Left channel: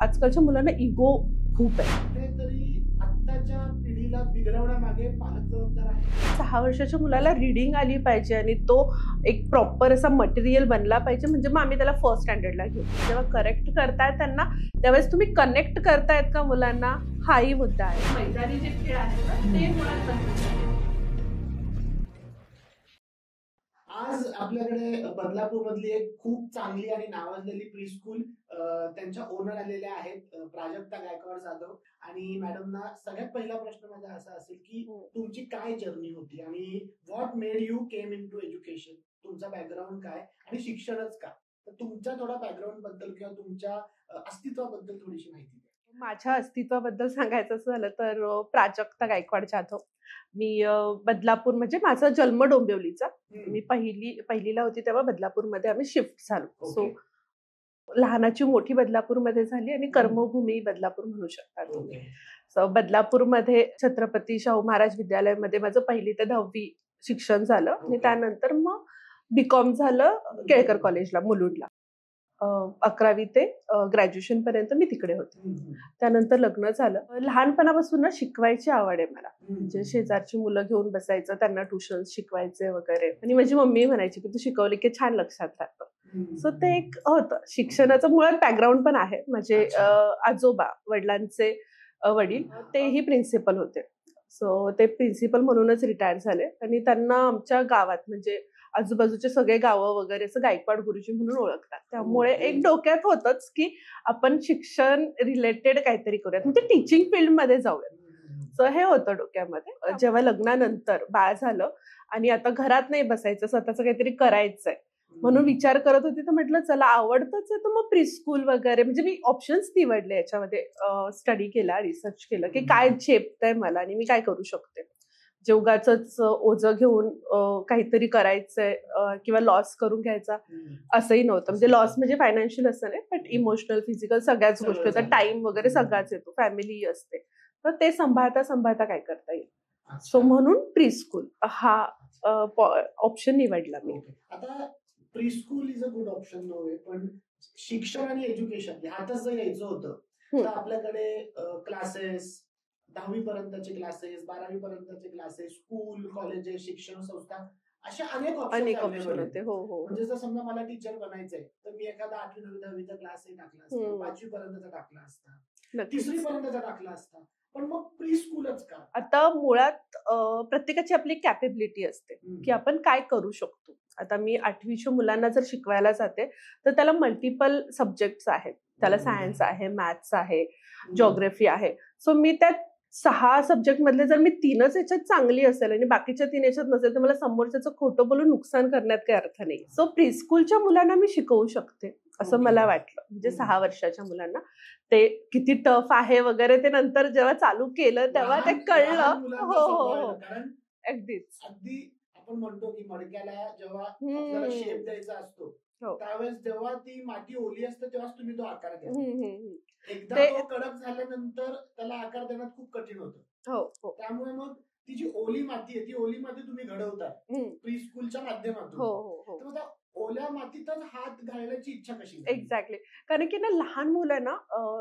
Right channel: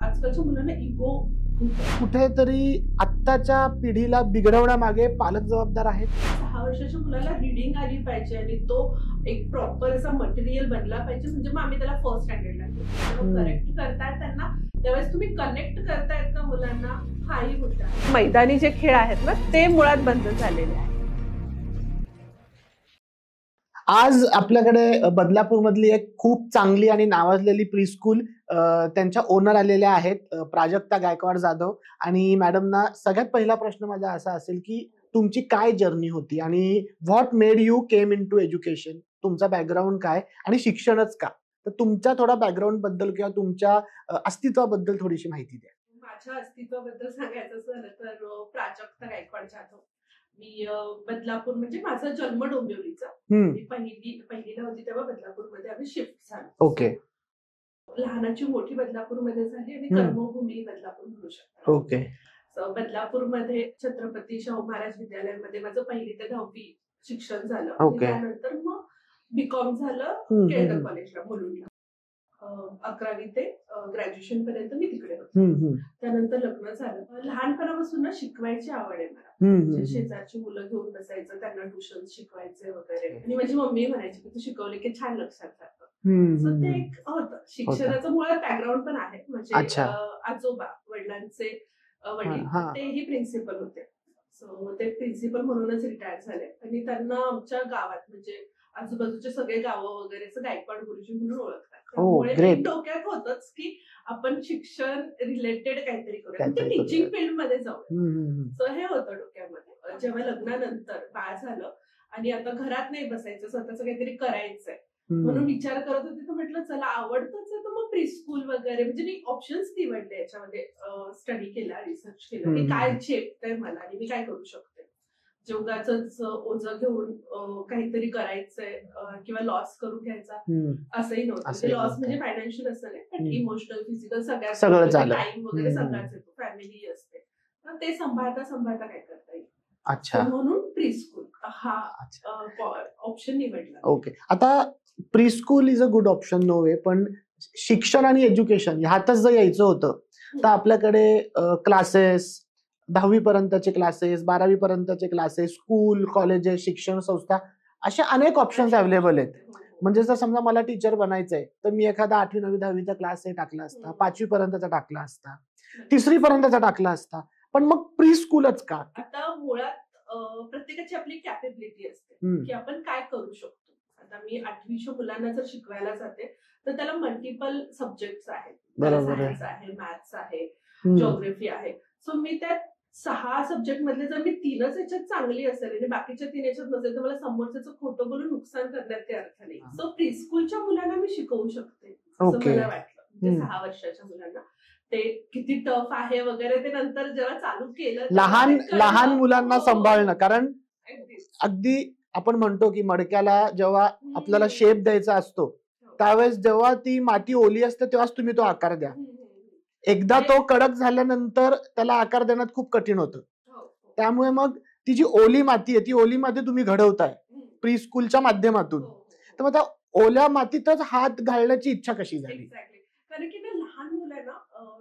आजकालच्या मुलांना इगो खूप आहे. कुठेतरी आत्ताच्या पिढीला बिघडवण्यामागे पालक जबाबदार आहेत. 6 वर्षाच्या मुलाला रीडिंग आली पाहिजे आणि तो एक प्रॉपर असा मटेरियल बनला पाहिजे, म्हणजे मग आम्ही त्याला फर्स्ट स्टँडर्डला घेऊ. जेव्हा करेक्ट करतायत त्यांना, त्यावेळेस तुम्ही कनेक्ट करतायत का मुलांना, हाही मुद्दा आहे. मैदानी जे खेळ आहेत ना, ते मुळात बंद झालेले आहेत. आज आपल्याकडे बदलापूरमधली एक खूप चांगली आणि नावाजलेली प्रीस्कूल त्यांच्या ओनर आलेल्या आहेत, प्राजक्ता गायकवाड जाधव. आणि मॅडमना सगळ्यात पहिला प्रश्न माझा असा असेल की तुमची काय जर्नी होती आणि what made you came into education. तुमचा बॅकग्राऊंड काय आणि शिक्षणच का. तर तुमच्या थोडा बॅकग्राऊंड बद्दल किंवा तुमच्या अस्तित्वाबद्दल थोडीशी माहिती द्या. माझ्या अस्तित्वाबद्दल सांगायचं झालं तर प्राजक्ता गायकवाड जाधव. मी बदलापूर, म्हणजे माझा जन्म डोंबिवलीचा. मी पहिलीला होती तेव्हा बदलापूरमध्ये आम्ही शिफ्ट झालो. ओके. लहानाची मोठी बदलापूरमध्ये झाली आणि कर्मभूमी बदलापूर म्हणू शकता. ओके. बदलापूरमध्ये छत्रपती शाहू महाराज विद्यालयामध्ये माझं 1ली ते 10वी शिक्षण झालं आणि त्यानंतर मग बीकॉम झालं केळकर कॉलेजला मुलुंडला. 11वी ते ग्रॅज्युएशन पर्यंत मी तिकडे होते. त्यानंतर लग्न झालं. लहानपणापासून ना शिकवायची आवड आहे मला. म्हणजे शेजारची मुलं घेऊन बसायचं, त्यांना ट्युशन शिकवायचे वगैरे. आणि माझी मम्मी म्हणायची की तू शिकवली की छान लक्षात राहतं. सो ते एक होतं. शिक्षणाचं मुळात बॅकग्राऊंड पण आहे. म्हणजे आजोबा, वडिलांचे वडील, तेही प्रिन्सिपल होते. सो ते प्रिन्सिपल म्हणूनच रिटायर झाले आणि त्यांना आमच्या गावात, म्हणजे आजूबाजूचे सगळे गावं वगैरे असं गायकवाड गुरुजी म्हणून ओळखतात. त्यामुळे एक डोक्यात होतच की आपण शिक्षण रिलेटेड काहीतरी करूया, म्हणजे टीचिंग फील्ड मध्ये जाऊया. सो हे होतं डोक्यामध्ये. जेव्हा लग्नानंतर बाळ झालं आणि आता घरात नाही बसायचं, स्वतःच काहीतरी करायचंय म्हणून विचार करत होती, तर म्हटलं चला आवडतच आहे तर मग प्रीस्कूल वगैरे. म्हणजे मी ऑप्शन्स निवडले, याच्यामध्ये स्टडी केला, रिसर्च केलं की काय झेपतंय मला आणि मी काय करू शकते. जे उगाचच ओझं घेऊन काहीतरी करायचंय किंवा लॉस करून घ्यायचा असंही नव्हतं. म्हणजे लॉस म्हणजे फायनान्शियल असं नाही, पण इमोशनल, फिजिकल सगळ्याच, टाइम वगैरे सगळाच येतो, फॅमिली असते. तर ते सांभाळता काय करता येईल. म्हणून प्रीस्कूल हा ऑप्शन निवडला. ओके. आता preschool is a good option, no way. पण शिक्षण आणि एज्युकेशन ह्यातच जर यायचं होतं तर आपल्याकडे क्लासेस, 10वी पर्यंतचे क्लासेस, 12वी पर्यंतचे क्लासेस, स्कूल, कॉलेजेस, शिक्षण संस्था, अशा अनेक ऑप्शन्स अवेलेबल आहेत. म्हणजे जर समजा मला टीचर बनायचंय तर मी एखादा 8वी 9वी 10वीचा क्लास टाकला असता, 5वी पर्यंतचा टाकला असता, 3री पर्यंतचा टाकला असता. पण मग प्री स्कूलच का. आता मुळात प्रत्येकाची आपली कॅपेबिलिटी असते की आपण काय करू शकतो. आता मी 8वीच्या मुलांना जर शिकवायला जाते तर त्याला मल्टिपल सब्जेक्ट्स आहेत. त्याला सायन्स आहे, मॅथ्स आहे, जिओग्राफी आहे. सो मी त्या 6 सब्जेक्ट मधले जर मी 3च याच्यात चांगली असेल आणि बाकीच्या 3 याच्यात नसेल तर मला समोरच्याचं खोटं बोलून नुकसान करण्यात काही अर्थ नाही. सो प्रीस्कूलच्या मुलांना मी शिकवू शकते असं मला वाटलं. म्हणजे 6 वर्षाच्या मुलांना ते किती टफ आहे वगैरे ते नंतर जेव्हा चालू केलं लहान मुलांना सांभाळणं. कारण अगदी आपण म्हणतो की मडक्याला जेव्हा आपल्याला शेप द्यायचा असतो त्यावेळेस जेव्हा ती माती ओली असते तेव्हाच तुम्ही तो आकार द्या. एकदा तो कडक झाल्यानंतर त्याला आकार देण्यात खूप कठीण होतं. त्यामुळे मग ती जी ओली माती आहे ती ओली माती तुम्ही घडवताय प्रीस्कूलच्या माध्यमातून. तर मग त्या ओल्या मातीतच हात घालण्याची इच्छा कशी झाली. एक्झॅक्टली. कारण की ना लहान मुलं ना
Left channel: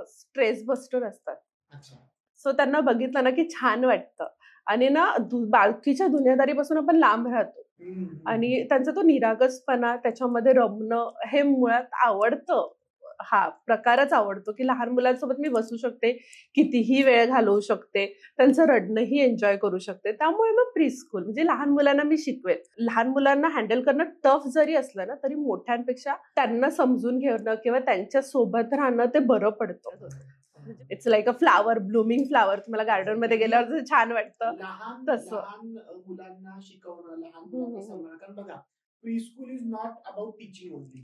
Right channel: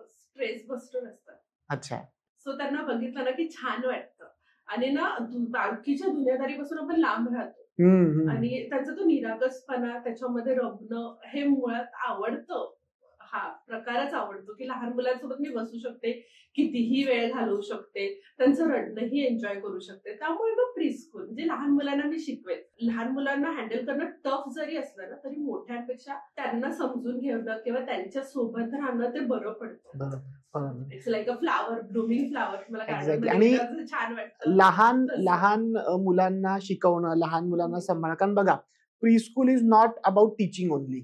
स्ट्रेस बस्टर असतात. अच्छा. सो त्यांना बघितलं ना की छान वाटतं आणि ना बाकीच्या दुनियादारीपासून आपण लांब राहतो आणि त्यांचा तो निरागसपणा, त्याच्यामध्ये रमणं, हे मुळात आवडतं. हा प्रकारच आवडतो की लहान मुलांसोबत मी बसू शकते, कितीही वेळ घालवू शकते, त्यांचं रडणंही एन्जॉय करू शकते. त्यामुळे मग प्रीस्कूल म्हणजे लहान मुलांना मी शिकवेल. लहान मुलांना हँडल करणं टफ जरी असलं ना तरी मोठ्यांपेक्षा त्यांना समजून घेणं किंवा त्यांच्या सोबत राहणं ते बरं पडतं. It's like a flower, blooming flower. मला गार्डन मध्ये गेल्यावर छान वाटतं. लहान मुलांना शिकवणं, लहान मुलांना सांभाळणं. कारण बघा, preschool is not about teaching only.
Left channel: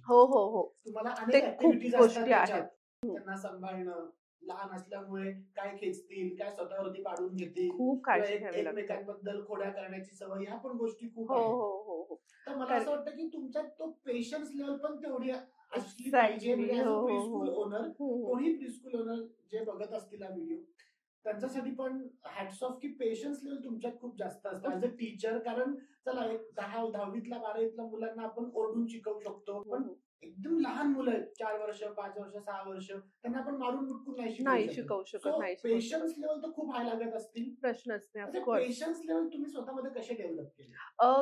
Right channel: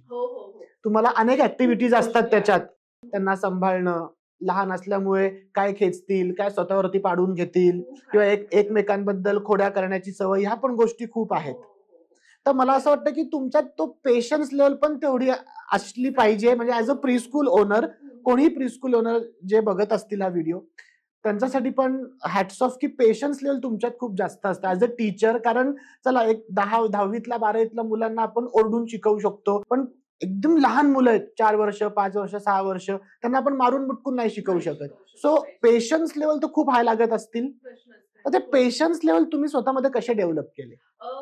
तुम्हाला अनेक ऍक्टिव्हिटीज असतात त्याच्यात. त्यांना सांभाळणं, लहान असल्यामुळे काय खेचतील, काय स्वतःवरती पाडून घेतील किंवा एकमेकांबद्दल खोड्या करण्याची सवय, ह्या पण गोष्टी खूप आहेत. तर मला असं वाटतं की तुमच्यात तो पेशन्स लेवल पण तेवढी असली पाहिजे. म्हणजे ऍज अ प्रीस्कूल ओनर, कोणी प्रीस्कूल ओनर जे बघत असतील हा व्हिडिओ, त्यांच्यासाठी पण हॅट्स ऑफ की पेशन्स लेवल तुमच्यात खूप जास्त असतं ऍज अ टीचर. कारण चला एक 10वीतल्या 12वीतल्या मुलांना आपण ओरडून शिकवू शकतो, पण एकदम लहान मुलं आहेत, 4 वर्ष, 5 वर्ष, 6 वर्ष, त्यांना आपण मारून बुटकून नाही शिकवू शकत. सो पेशन्स लेवल तर खूप हाय लागत असतील. प्रश्नच तर ते पेशन्स लेवल तुम्ही स्वतःमध्ये कसे डेव्हलप केले?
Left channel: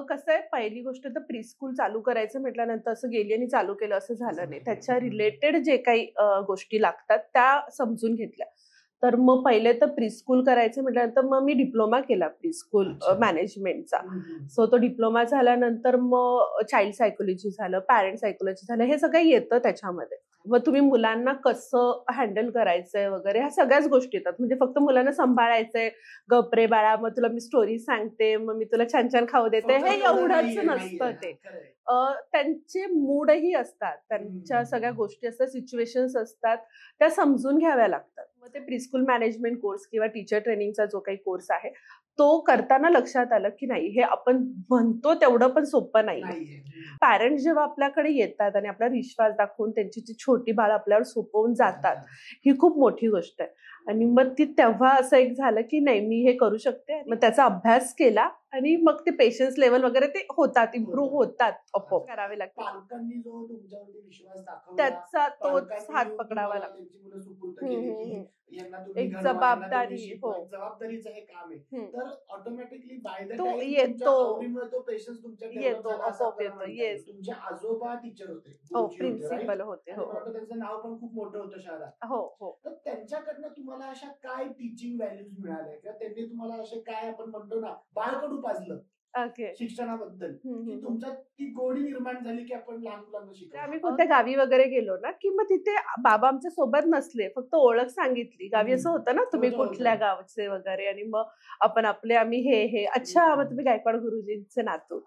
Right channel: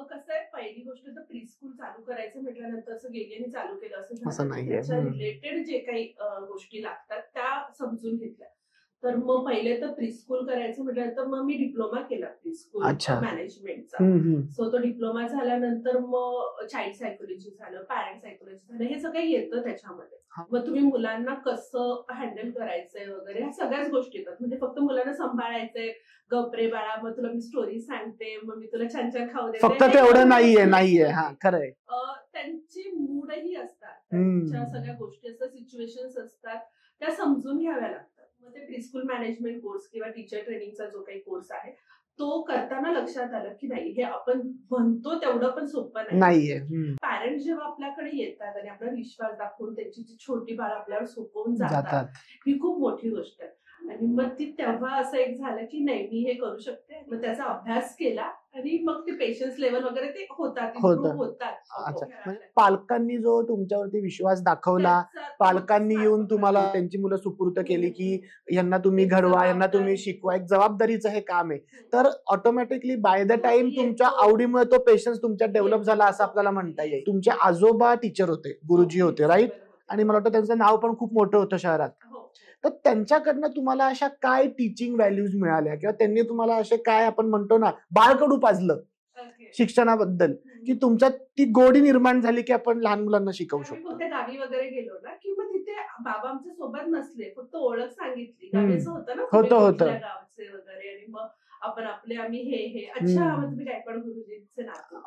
कसं आहे, पहिली गोष्ट तर प्री-स्कूल चालू करायचं म्हटल्यानंतर असं गेली आणि चालू केलं असं झालं नाही. त्याच्या रिलेटेड जे काही गोष्टी लागतात त्या समजून घेतल्या. तर मग पहिले तर प्री-स्कूल करायचं म्हटल्यानंतर मग मी डिप्लोमा केला प्री-स्कूल मॅनेजमेंटचा. सो तो डिप्लोमा झाल्यानंतर मग चाइल्ड सायकोलॉजी झालं, पॅरेंट सायकोलॉजी झालं, हे सगळं येतं त्याच्यामध्ये. मग तुम्ही मुलांना कसं हँडल करायचंय वगैरे ह्या सगळ्याच गोष्टी येतात. म्हणजे फक्त मुलांना सांभाळायचंय, गप रे बाळा, मग तुला मी स्टोरी सांगते, मग मी तुला छान छान खाऊ देते, त्यांचे मूडही असतात, त्यांच्या सगळ्या गोष्टी असतात, सिच्युएशन्स असतात, त्या समजून घ्याव्या लागतात. मग ते प्री-स्कूल मॅनेजमेंट कोर्स किंवा टीचर ट्रेनिंगचा जो काही कोर्स आहे तो करताना लक्षात आलं की नाही, हे आपण म्हणतो तेवढं पण सोपं नाहीये. पॅरेंट्स जेव्हा आपल्याकडे येतात आणि आपला विश्वास दाखवून त्यांची जी छोटी बाळं आपल्यावर सोपवून जातात, ही खूप मोठी गोष्ट आहे. आणि मग ती तेव्हा असं एक झालं की नाही, मी हे करू शकते. मग त्याचा अभ्यास केला आणि मग ते पेशन्स लेवल वगैरे ते होतात, इम्प्रूव्ह होतात. करावे लागतात. पालकांनी जो तुमच्यावरती विश्वास दाखवला, पालकांनी येऊन तुम्हाला त्यांची मुलं सुपूर्द केली की यांना तुम्ही घडवा, यांना तुम्ही शिकवा, एक जबाबदारीचं हे काम आहे. तर ऑटोमॅटिकली बाय द टाइम तुमच्या आवडीमुळे तो पेशन्स तुमच्यात डेव्हलप झाला असं आपल्याला म्हणता येईल. तुमचे आजोबा टीचर होते, गुरुजी होते, राईट? आणि मला वाटतं त्यांचं नाव पण खूप मोठं होतं शहरात. तर त्यांच्याकडनं तुम्हाला अशा काय टीचिंग व्हॅल्यूज मिळाल्या किंवा त्यांनी तुम्हाला असे काय, आपण म्हणतो ना, बाळकडू पाजलं शिक्षणाबद्दल, की तुमच्यात ती गोडी निर्माण झाली की आपण लहान मुलांना शिकवू शकतो? कोणत्या गावी वगैरे गेलो ना की मग तिथे बाबा आमच्या सोबत नसले, फक्त ओळख सांगितली. गावी असं होतं ना, तुम्ही कुठल्या गावचे वगैरे, आणि मग आपण आपले आम्ही हे अच्छा, मग तुम्ही गायकवाड गुरुजींचे नातू.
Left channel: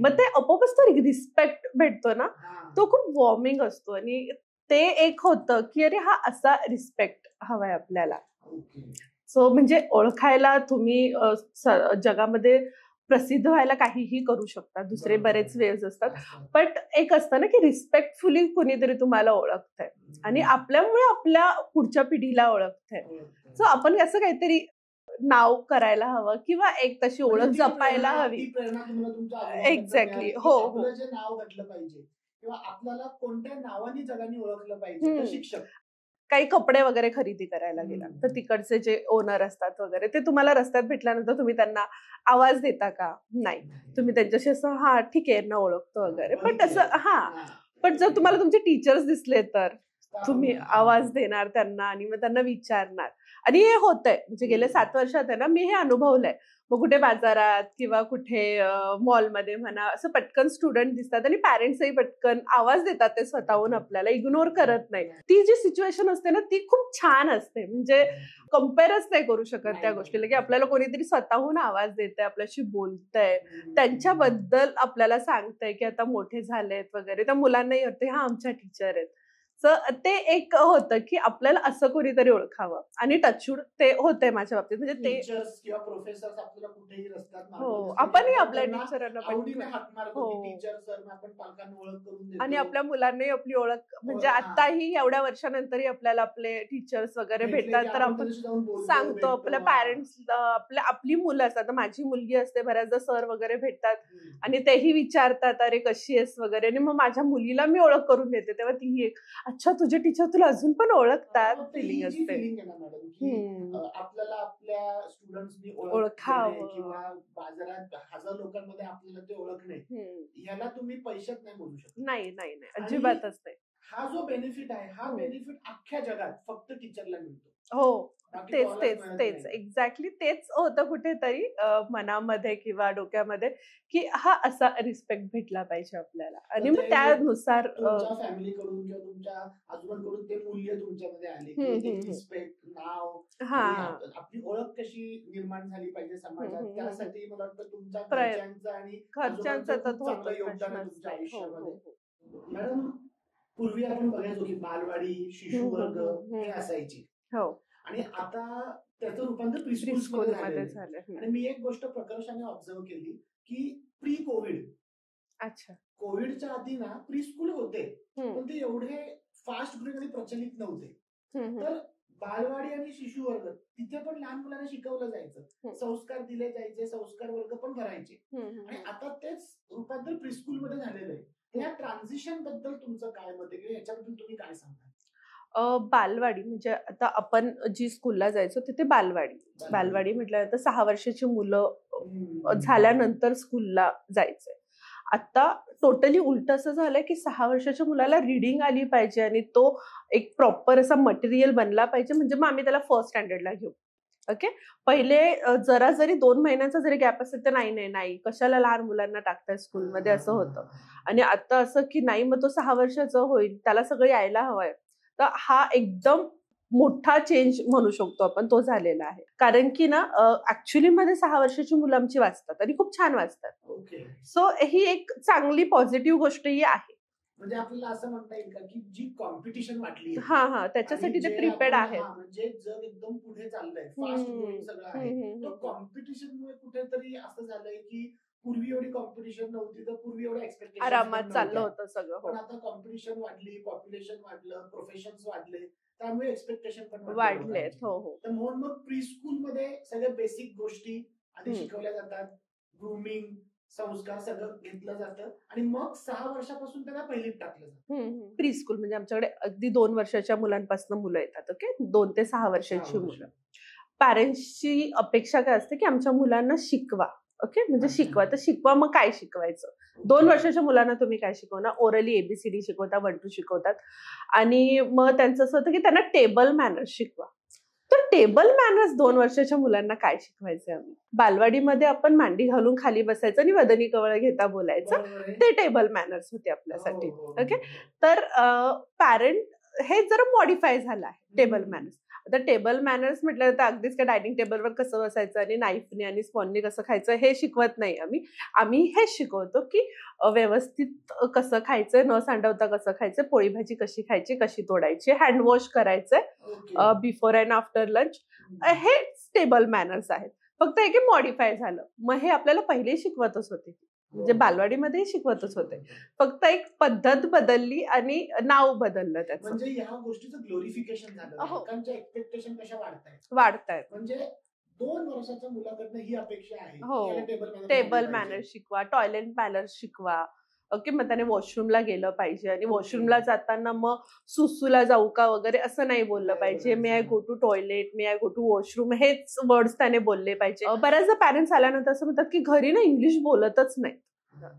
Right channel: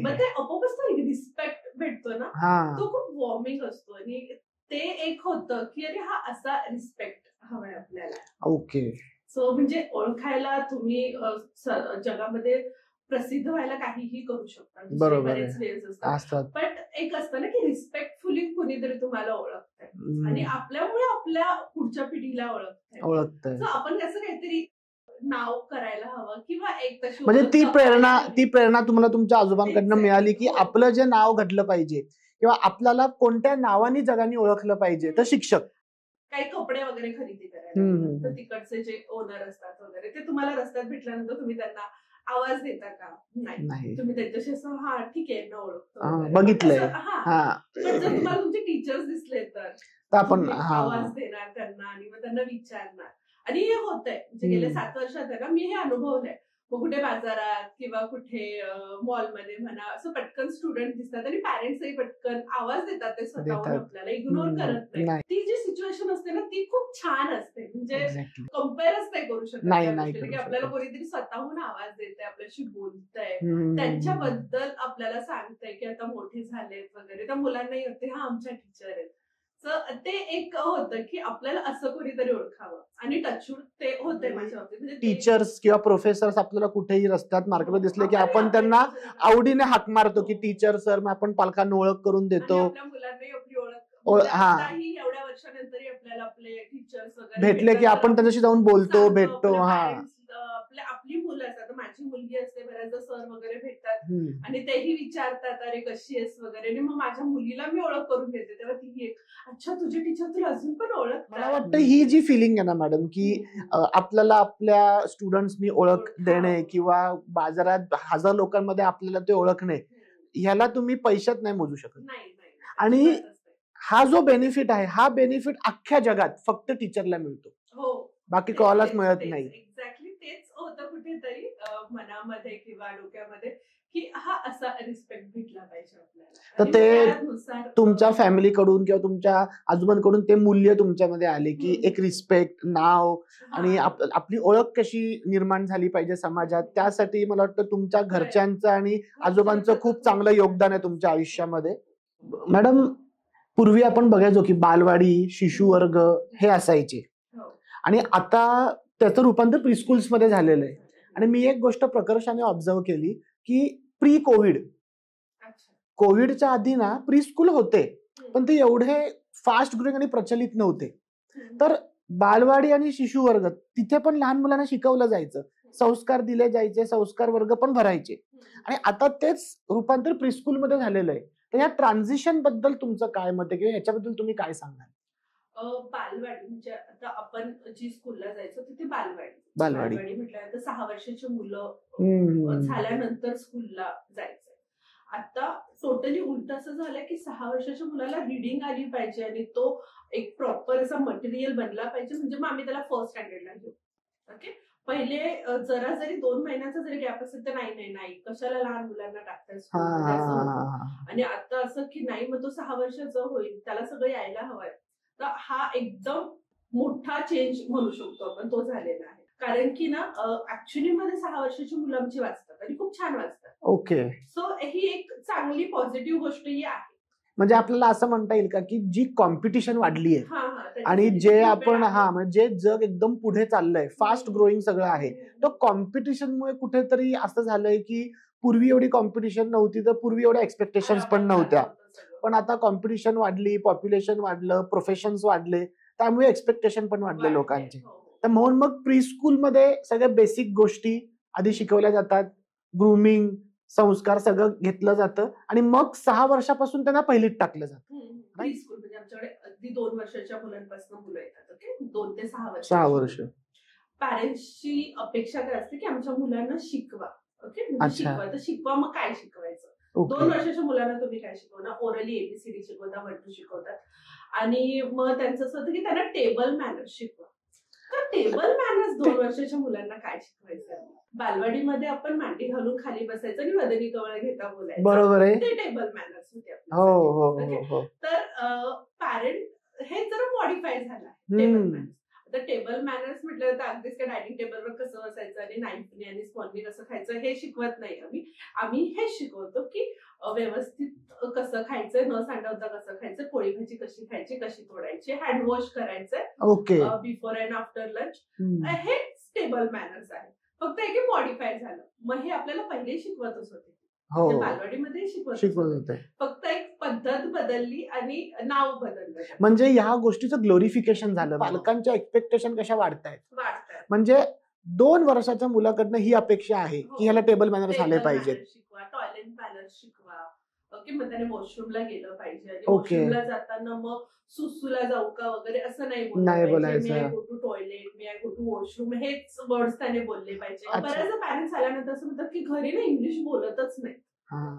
मग ते आपोआपच तो रिस्पेक्ट भेटतो ना, तो खूप वॉर्मिंग असतो. आणि ते एक होतं की अरे हा असा रिस्पेक्ट हवाय आपल्याला. सो म्हणजे ओळखायला तुम्ही जगामध्ये प्रसिद्ध व्हायला काहीही करू शकता, दुसरे बरेच वेज असतात, बट एक असतं ना की रिस्पेक्टफुली कुणीतरी तुम्हाला ओळखतंय आणि आपल्यामुळे आपल्या पुढच्या पिढीला ओळखतंय. सो आपण असं काहीतरी नाव करायला हवं किंवा एक तशी ती प्रेरणा तुम्हाला तुमच्या आजोबांकडनं मिळाली की आपलं जे नाव घडलं पाहिजे किंवा आपल्याला कोणत्या नावाने जगाने ओळखलं पाहिजे. तर शिक्षक काही कपडे वगैरे खरेदी करायला गेलात तर तिकडचे जे ओनर असतात वगैरे, ते तुम्हाला रस्त्यात भेटल्यानंतर तुम्ही त्यांना आवाज देता का? नाही. तुम्ही त्यांच्याशी असं हा ठीक आहे ना, ओळखतो वगैरे, पण जर तुम्हाला तुमचे टीचर्स दिसले तर तुम्ही आवाज देणार त्यांना आणि मग त्यांना विचारणार. आणि हे होतंय, म्हणजे गेल्या 7 वर्षात आहे ना, मी हे अनुभवलंय. मग कुठे बाजारात किंवा कुठे मॉलमध्ये म्हणा, असं पटकन स्टुडंट दिसतात आणि पॅरेंट्सही पटकन आवाज देतात, ते स्वतःहून आपल्याला इग्नोर करत नाही. ती जी सिच्युएशन असते ना, ती खूप छान असते. म्हणजे कम्पेअरच नाही करू शकत त्या गोष्टीला, की आपल्याला कोणीतरी स्वतःहून आवाज देतंय, आपल्याशी बोलतंय, त्यांच्याबद्दल आपल्याला सांगतंय की आता मोठे झालेत वगैरे. त्या मुलांनाही होते हा आमच्या टीचर आहेत. ते एक होतं की आपल्याला असं कोणीतरी ओळखावं आणि टचवूड ते होते माझ्या बाबतीत. म्हणजे टीचर्स किंवा प्रोफेसर्स आपल्याला कुठेही रस्त्यात मार्केटमध्ये दिसले की आपण त्यांना आवडीने हाक मारतो की टीचर सर, मग आपण पालकांना ओळख करून देतो. आणि आपल्या मुलांनाही आपली ओळख, म्हणजे आताही एवढ्या वर्षानंतरही आपल्याला आपले टीचर्स वगैरे भेटले की आपण त्यांच्याशी जाऊन बोलतो, भेटतो. पॅरेंट्स आपली मुलं असतात, माझी मुलगी असते, बऱ्याचदा सर वगैरे भेटतात आणि तेही विचारतात अरे कशी आहेस वगैरे, आणि मग माझ्या मुलीला मी ओळख करून देते, तेव्हा ती एक अच्छा तुझे टीचर तुला अजून पण ओळखतात. ही जी फिलिंग आहे ना मॅडम, की आपल्याला आपल्या स्टुडंट्सनी ओळख देणे किंवा बाजारात 1000 लोकांमध्ये आपल्याला ते ओळखणे, ह्याला तुम्ही पैशात नाही मोजू शकत. नाही. आणि हा जो बेनिफिट आहे, हा बेनिफिट अख्ख्या जगात फक्त टीचरला मिळतो, बाकी कोणालाच मिळत नाही. एक्झॅक्टली तेच होतं कुठेतरी मनामध्ये किंवा डोक्यामध्ये, की हा असा रिस्पेक्ट भेटला पाहिजे आपल्याला. आणि त्यानुसार तुमच्या फॅमिलीकडून किंवा तुमच्या आजोबांकडून ते मूल्य तुमच्यामध्ये आले की एक रिस्पेक्ट, नाव आणि आपली ओळख कशी निर्माण झाली पाहिजे समाजात. त्यासाठी मला वाटतं तुमच्या घरच्यांचं आणि आजोबांचं खूप चांगलं योगदान आहे तुमच्या आयुष्यामध्ये. मॅडम, पूर्वी आपण बघायचो की बालवाडी, शिशुवर्ग हे असायचे आणि आता त्याचं रूपांतर प्रीस्कूल्स मध्ये झालेलं आहे. आणि मी एक गोष्ट प्रकर्षाने ऑब्झर्व केली की प्री कोविडच्या आधी ना प्रीस्कूल होते, पण ते एवढे फास्ट ग्रोइंग आणि प्रचलित नव्हते. तर बालवाडी आणि शिशुवर्ग तिथे पण लहान मुलांना शिकवलं जायचं, संस्कार दिले जायचे, संस्कार वर्ग पण भरायचे. आणि आता तेच रूपांतर प्रीस्कूल मध्ये झालेलं आहे. तर या ट्रान्झिशन बद्दल तुमचं काय मत आहे किंवा याच्याबद्दल तुम्ही काय सांगाल? बालवाडी म्हणजे आता आपण जी स्कूलला जायचो तिथे बालवाडी म्हटल्यानंतर 6 वर्षाची मुलं झाल्यानंतर स्कूलला जायचंय. आता टोटली उलट असं झालंय की 6 वर्षाच्या मुलाला रिडिंग आली पाहिजे आणि तो एक प्रॉपर असा मटेरियल बनला पाहिजे, म्हणजे मग आम्ही त्याला फर्स्ट स्टँडर्डला घेऊ. ओके. पहिले जरा जरी 2 महिन्यांचा जरी गॅप असेल तर नाही कशाला लहान मुलांना टाकताय स्कूलमध्ये, असं होतं. आणि आता असं की नाही, मग तो 6 वर्षाचा होईल, त्याला सगळं यायला हवंय. तर हा एकदम मोठा चेंज म्हणू शकतो आपण, तो झालेला आहे. कारण की ना ऍक्च्युअली मध्ये 6 वर्षाची मुलं आमची वाचतात आणि खूप छान वाचतात. ओके. सो ही एक चांगली पॉझिटिव्ह गोष्टही आहे. म्हणजे आपल्याला असं म्हणता येईल का की जी कॉम्पिटिशन वाढली आहे आणि जे आपण म्हणजे जग एकदम पुढे चाललंय, फास्ट ग्रोईंग सगळं आहे, तर कॉम्पिटिशनमुळे कुठेतरी असं झालंय की पूर्वी एवढी कॉम्पिटिशन नव्हती, तर पूर्वी एवढ्या एक्सपेक्टेशन्स पण नव्हत्या, पण आता कॉम्पिटिशन वाढली, पॉप्युलेशन वाढलं, प्रोफेशन्स वाढले, त्यामुळे एक्सपेक्टेशन पण वाढले लोकांचे. तर म्हणून मग प्री स्कूल मध्ये सगळ्या बेसिक गोष्टी आधी शिकवल्या जातात, ग्रूमिंग, संस्कार सगळं घेतलं जातं आणि मग 6 वर्षापासून त्यांना पहिलीत टाकलं जातं. प्री स्कूल म्हणजे आमच्याकडे अगदी 2 वर्षाच्या मुलांपासून मुलं येतात. ओके. 2 ते 6 वर्ष. पॅरेंट्सची अपेक्षा काय असते की आमच्या मुलांना शिकवा. ओके. म्हणजे शिकवा, तर शिकवा, मग काय शिकवायचं? 2 वर्षाच्या मुलांना तुम्ही काय शिकवणार? ओरली ABCD शिकवता, 1 2 शिकवतात आणि मग त्यांचं असं होतं की त्यांना टेबल मॅनर्स शिकवा. तर टेबल मॅनर्स 2 वर्षाच्या मुलांना काय शिकवायचे? आम्ही बालवाडीमध्ये आपण मांडी घालून खाली बसायचं आणि वदनी कवळ घेता बोलायचं. बरोबर आहे. ते टेबल मॅनर्स होते आपल्यासाठी. ओके. तर पॅरेंट हे जरा मॉडिफाय झालं आहे टेबल मॅनर्स. आता टेबल मॅनर्स म्हटलं तर अगदीच काय डायनिंग टेबलवर कसं बसायचं आणि नाईफने आणि स्पॉनने कसं खायचं हे शिकवत नाही आम्ही हे शिकवतो की व्यवस्थित कसं खायचं, न सांडवता कसं खायचं, पोळी भाजी कशी खायची, कशी तोडायची, हँड वॉश करायचंय बिफोर अँड आफ्टर लंच, हे टेबल मॅनर्स आहेत. फक्त हे मॉडिफाय झालं. मग हे आपल्याला पहिले शिकवतच होते, म्हणजे बालवाडीमध्ये शिकवतच होते, फक्त एक पद्धत बदलली आणि नाव बदललं. म्हणजे ह्या गोष्टीचं ग्लोरिफिकेशन झालं. बालकांच्या एक्सपेक्टेशन कशा वाढतायत. म्हणजे 2 वर्षाच्या मुलाकडनं ही अपेक्षा आहे की ह्याला टेबल मॅनर्स आले पाहिजे, शिकवा, टॉयलेट मॅनर्स शिकवा. ओके. मग त्याने वॉशरूमला गेलं पाहिजे आणि वॉशरूमला जाताना मग सुसूला जाऊ का वगैरे असं नाही बोललं पाहिजे. May I go to toilet, may I go to washroom, हेच वर्ड्स त्याने बोलले पाहिजे. बऱ्याचदा पॅरेंट्स आल्यानंतर असं म्हणतात की घरी ना इंग्लिश बोलतच नाही,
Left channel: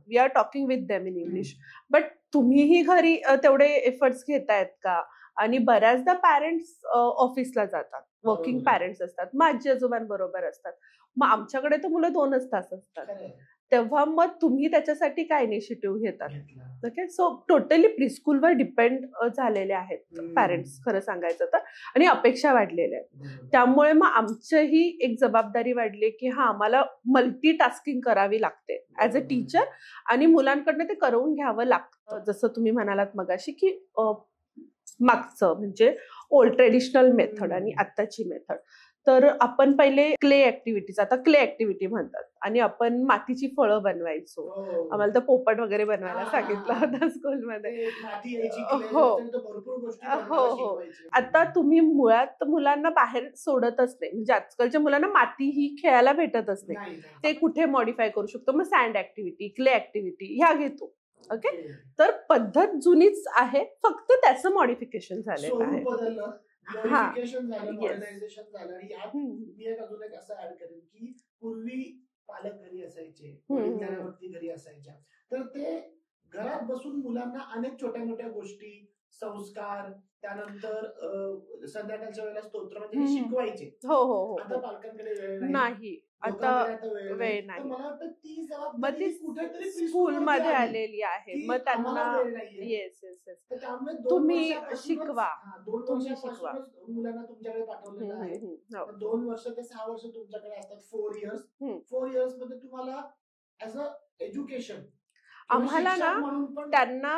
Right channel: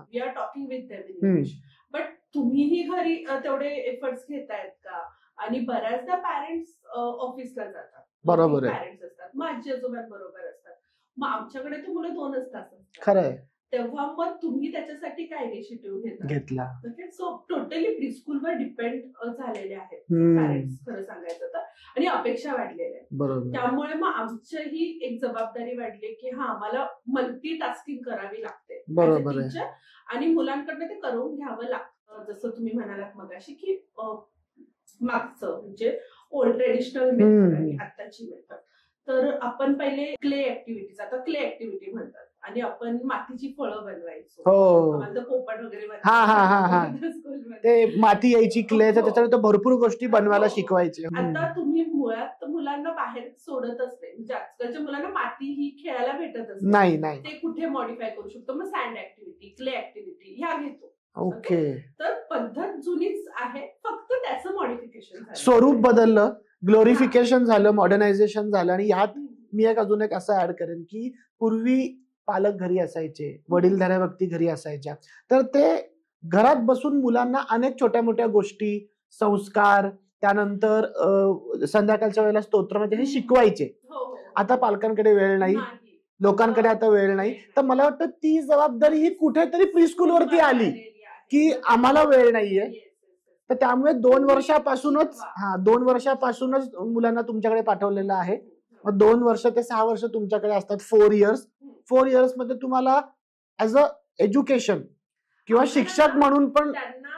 we are talking with them in English. But तुम्हीही घरी तेवढे एफर्ट्स घेतायत का? आणि बऱ्याचदा पॅरेंट्स ऑफिसला जातात, वर्किंग पॅरेंट्स असतात, मग आजी आजोबांबरोबर असतात, मग आमच्याकडे तर मुलं 2च तास असतात. तेव्हा मग तुम्ही त्याच्यासाठी काय इनिशिएटिव्ह घेतला? ओके. सो टोटली प्रीस्कूलवर डिपेंड झालेले आहेत पॅरेंट्स, खरं सांगायचं तर, आणि अपेक्षा वाढलेल्या आहेत. त्यामुळे मग आमचीही एक जबाबदारी वाढली की आम्हाला मल्टीटास्किंग करावी लागते ऍज अ टीचर आणि मुलांकडनं ते करवून घ्यावं लागतं. जसं तुम्ही म्हणालात मगाशी की मागचं म्हणजे ओल्ड ट्रेडिशनल मेथड आणि आत्ताची मेथड. तर आपण पहिले क्ले ऍक्टिव्हिटीज, आता क्ले ऍक्टिव्हिटी म्हणतात, आणि आपण मातीची फळं बनवायचो. आम्हाला तर पोपट वगैरे बनवायला स्कूलमध्ये माती यायची, क्ले, त्याच्यावर भरपूर गोष्टी बनवायला शिकवायचे. आता तुम्ही मुळात मुलांना बाहेर सोडतच नाही, म्हणजे आजकालच्या मुलांना माती ही खेळायला भेटतच नाही. ते कुठे मॉडिफाय करू शकतो? मग सँड ऍक्टिव्हिटी, क्ले ऍक्टिव्हिटी ह्या घेतो. ओके. तर पद्धत जुनीच आहे, फक्त त्याचं मॉडिफिकेशन झालं, स्वरूप बदललं, ग्लोरिफिकेशन झालं, मॉडर्नायझेशन झालं. आणि ह्यात मी अजून एक असं ऍड करेन की पूर्वी पालक घरी असायचे, वडीलधाऱ्या व्यक्ती घरी असायच्या, तर ते घरात बसून मुलांना अनेक छोट्या मोठ्या गोष्टी, संस्कार, त्यानंतर संध्याकाळच्या वेळेला स्तोत्र म्हणजे हे शिकवायचे. आता पालकांकडे वेळ नाही, लोकांकडे आता वेळ नाही. तर मला वाटतं ती जबाबदारी ही कुठेतरी प्रीस्कूलवरती आली की आम्हाला वेळ नाहीये. तर त्यामुळे 2 वर्षापासूनच मुलांना तुमच्याकडे पाठवलेलं आहे. 2 वर्ष ते 6 वर्ष तुमच्याकडे असतात, 4 इयर्स. 4 इयर्स मध्ये तुम्हाला ऍज अ एज्युकेशन किंवा शिक्षक म्हणून पण त्यांना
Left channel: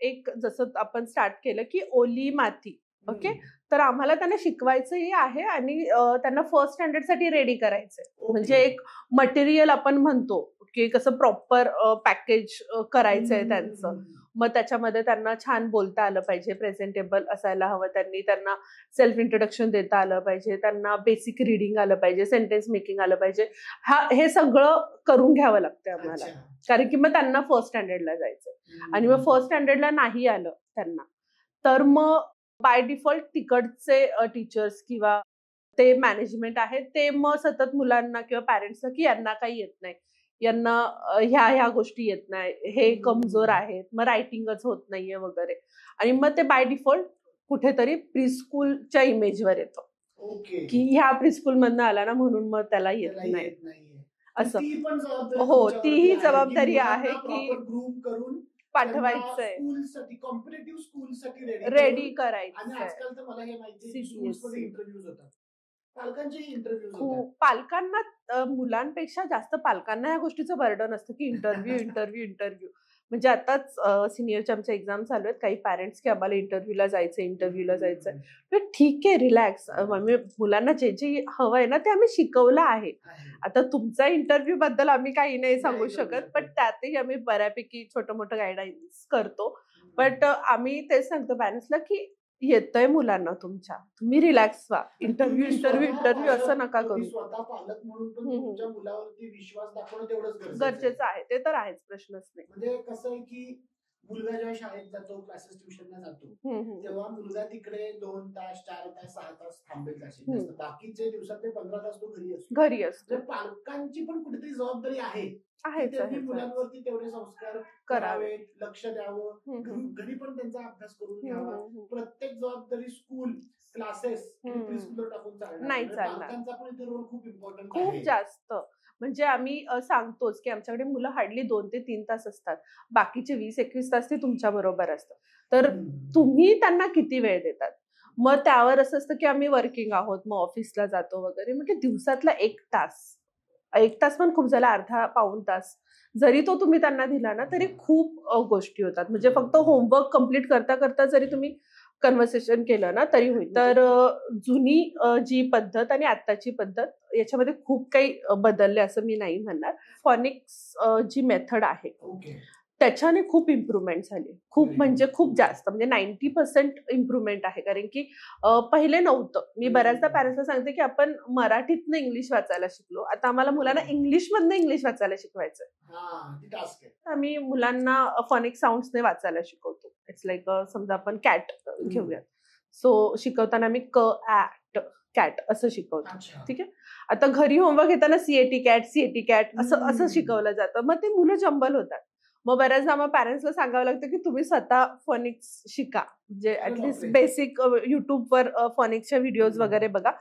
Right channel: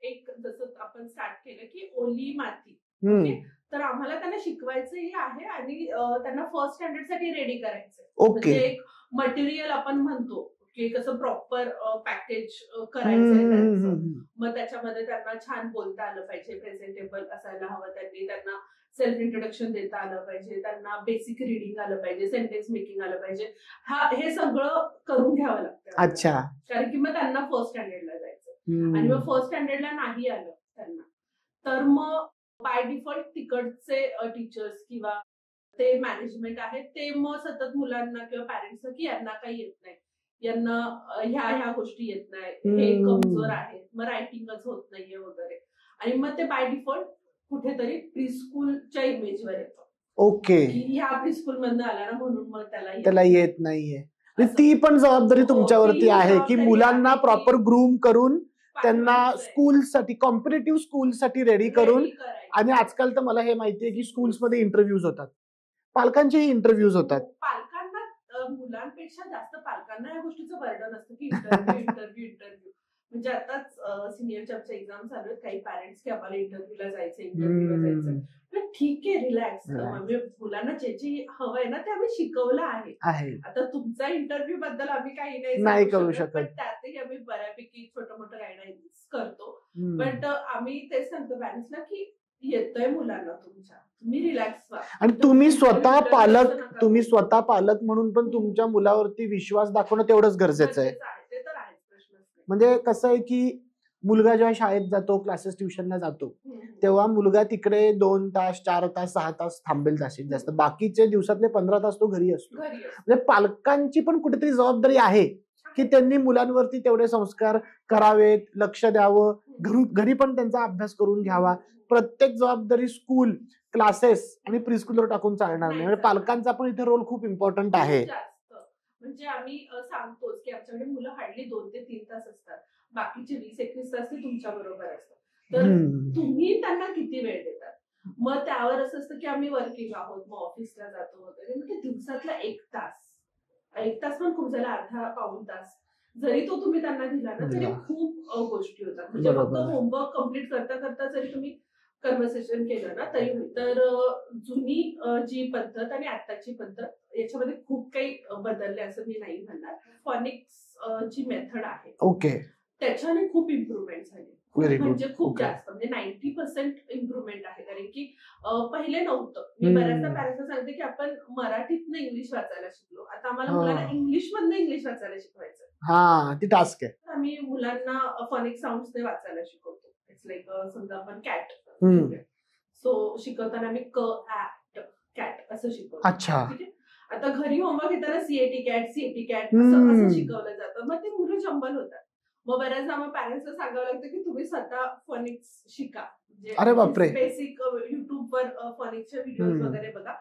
एक, जसं आपण स्टार्ट केलं की ओली माती, ओके, तर आम्हाला त्यांना शिकवायचंही आहे आणि त्यांना फर्स्ट स्टँडर्ड साठी रेडी करायचंय. म्हणजे एक मटेरियल आपण म्हणतो की कसं प्रॉपर पॅकेज करायचंय त्यांचं. मग त्याच्यामध्ये त्यांना छान बोलता आलं पाहिजे, प्रेझेंटेबल असायला हवं, त्यांना सेल्फ इंट्रोडक्शन देता आलं पाहिजे, त्यांना बेसिक रिडिंग आलं पाहिजे, सेंटेन्स मेकिंग आलं पाहिजे. हे सगळं करून घ्यावं लागतं. अच्छा. कारण की मग त्यांना फर्स्ट स्टँडर्डला जायचं आणि मग फर्स्ट स्टँडर्डला नाही आलं त्यांना, तर मग बाय डिफॉल्ट तिकडचे टीचर्स किंवा ते मॅनेजमेंट आहे ते मग सतत मुलांना किंवा पॅरेंट्सला की यांना काही येत नाही, यांना ह्या गोष्टी येत नाही, हे कमजोर आहेत, मग रायटिंगच होत नाहीये वगैरे. आणि मग ते बाय डिफॉल्ट कुठेतरी प्रीस्कूलच्या इमेजवर येतं. ओके. की ह्या प्रीस्कूल मधनं आला ना म्हणून मग त्याला येत नाहीये. ती पण जबाबदारी तुमच्यावरती आहे की मुलांना प्रॉपर ग्रूम करून त्यांना स्कूलसाठी, कॉम्पिटिटिव्ह स्कूलसाठी रेडी करून. आणि आजकाल तर मला हे माहितीये की स्कूल्समध्ये इंटरव्ह्यूज होतात, पालकांचेही इंटरव्ह्यूज होतात. पालकांना मुलांपेक्षा जास्त पालकांना या गोष्टीचं बर्डन असतं की इंटरव्ह्यू. म्हणजे आताच सिनियरच्या आमच्या एक्झाम चालू आहेत, काही पॅरेंट्स की आम्हाला इंटरव्ह्यूला जायचं. ठीक आहे, रिलॅक्स. मुलांना जे जे हवंय ना ते आम्ही शिकवलं आहे. आता तुमचा इंटरव्ह्यू बद्दल आम्ही काही नाही सांगू शकत, पण त्यातही आम्ही बऱ्यापैकी छोटं मोठं गायडन्स करतो. बट आम्ही तेच सांगतो पॅरेंट्सला की येतंय मुलांना तुमच्या, तुम्ही रिलॅक्स व्हा. आणि तुम्ही स्वतः पालक म्हणून पण तुमच्या मुलावरती विश्वास दाखवणं तेवढंच गरजेचं आहे. ते तर आहेच, प्रश्नच नाही. म्हणजे कसं आहे की मुलगा जेव्हा शाळेत जातो, क्लासेस ट्युशनला जातो, तेव्हा मुलगा तिकडे 2 तास 4 तास 6 तास थांबेल जास्तीत जास्त. बाकीचे दिवसातले 15 तास तो घरी असतो. म्हणजे पालकांची पण कुठेतरी जबाबदारी आहे की त्यांनी मुलांवरती तेवढे संस्कार करावेत, लक्ष द्यावं, घरी पण त्यांचा अभ्यास करून घ्यावा. प्रत्येक जबाबदारी स्कूल, क्लासेस आणि प्रीस्कूलवर टाकून चालणार नाही. म्हणजे पालकांचा पण इथे रोल खूप इम्पॉर्टंट आहे. जास्त म्हणजे आम्ही सांगतोच की आमच्याकडे मुलं हार्डली 2 ते 3 तास असतात, बाकीचे 20-21 तास ते तुमच्या बरोबर असतात. तर तुम्ही त्यांना किती वेळ देतात? मग त्यावर असं असतं की आम्ही वर्किंग आहोत, मग ऑफिसला जातो वगैरे, म्हणजे दिवसातला 1 तास पण खूप झाला, अर्धा पाऊण तास जरी तो तुम्ही त्यांना दिला ना तरी खूप गोष्टी होतात. म्हणजे फक्त होमवर्क कम्प्लीट करता करता जरी तुम्ही कन्व्हर्सेशन केलं ना तरी होईल. तर जुनी जी पद्धत आणि आत्ताची पद्धत याच्यामध्ये खूप काही बदलले असं मी नाही म्हणणार. फॉनिक्स जी मेथड आहे, ओके, त्याच्याने खूप इम्प्रुव्हमेंट झाली, खूप म्हणजे खूप जास्त, म्हणजे 90% इम्प्रुव्हमेंट आहे. कारण की पहिले नव्हतं. मी बऱ्याचदा पॅरेंट्सला सांगते की आपण मराठीतनं इंग्लिश वाचायला शिकलो, आता आम्हाला मुलांना इंग्लिशमधनं इंग्लिश वाचायला शिकवायचं. ती टास्क आहे. आम्ही मुलांना फॉनिक साऊंड्सने वाचायला शिकवतो. इट्स लाईक समजा आपण कॅट घेऊया, सो शिकवताना मी कॅट असं शिकवतो. ठीक आहे. आता घरी होमवर्क घेताना सीएटी कॅट असं शिकवलं जातं, मग ते मुलं जंबल होतात. मग बऱ्याचदा मग पॅरेंट्सला सांगावं लागतं की तुम्ही स्वतः फॉनिक्स शिका, म्हणजे बेसिक युट्यूबवर फॉनिक्सच्या व्हिडिओज वगैरे बघा,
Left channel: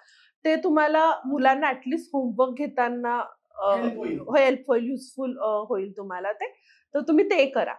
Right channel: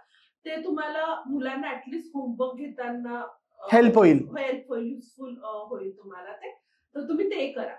ते तुम्हाला मुलांना ऍटलिस्ट होमवर्क घेताना हेल्प होईल, युजफुल होईल तुम्हाला ते. तर तुम्ही ते करा,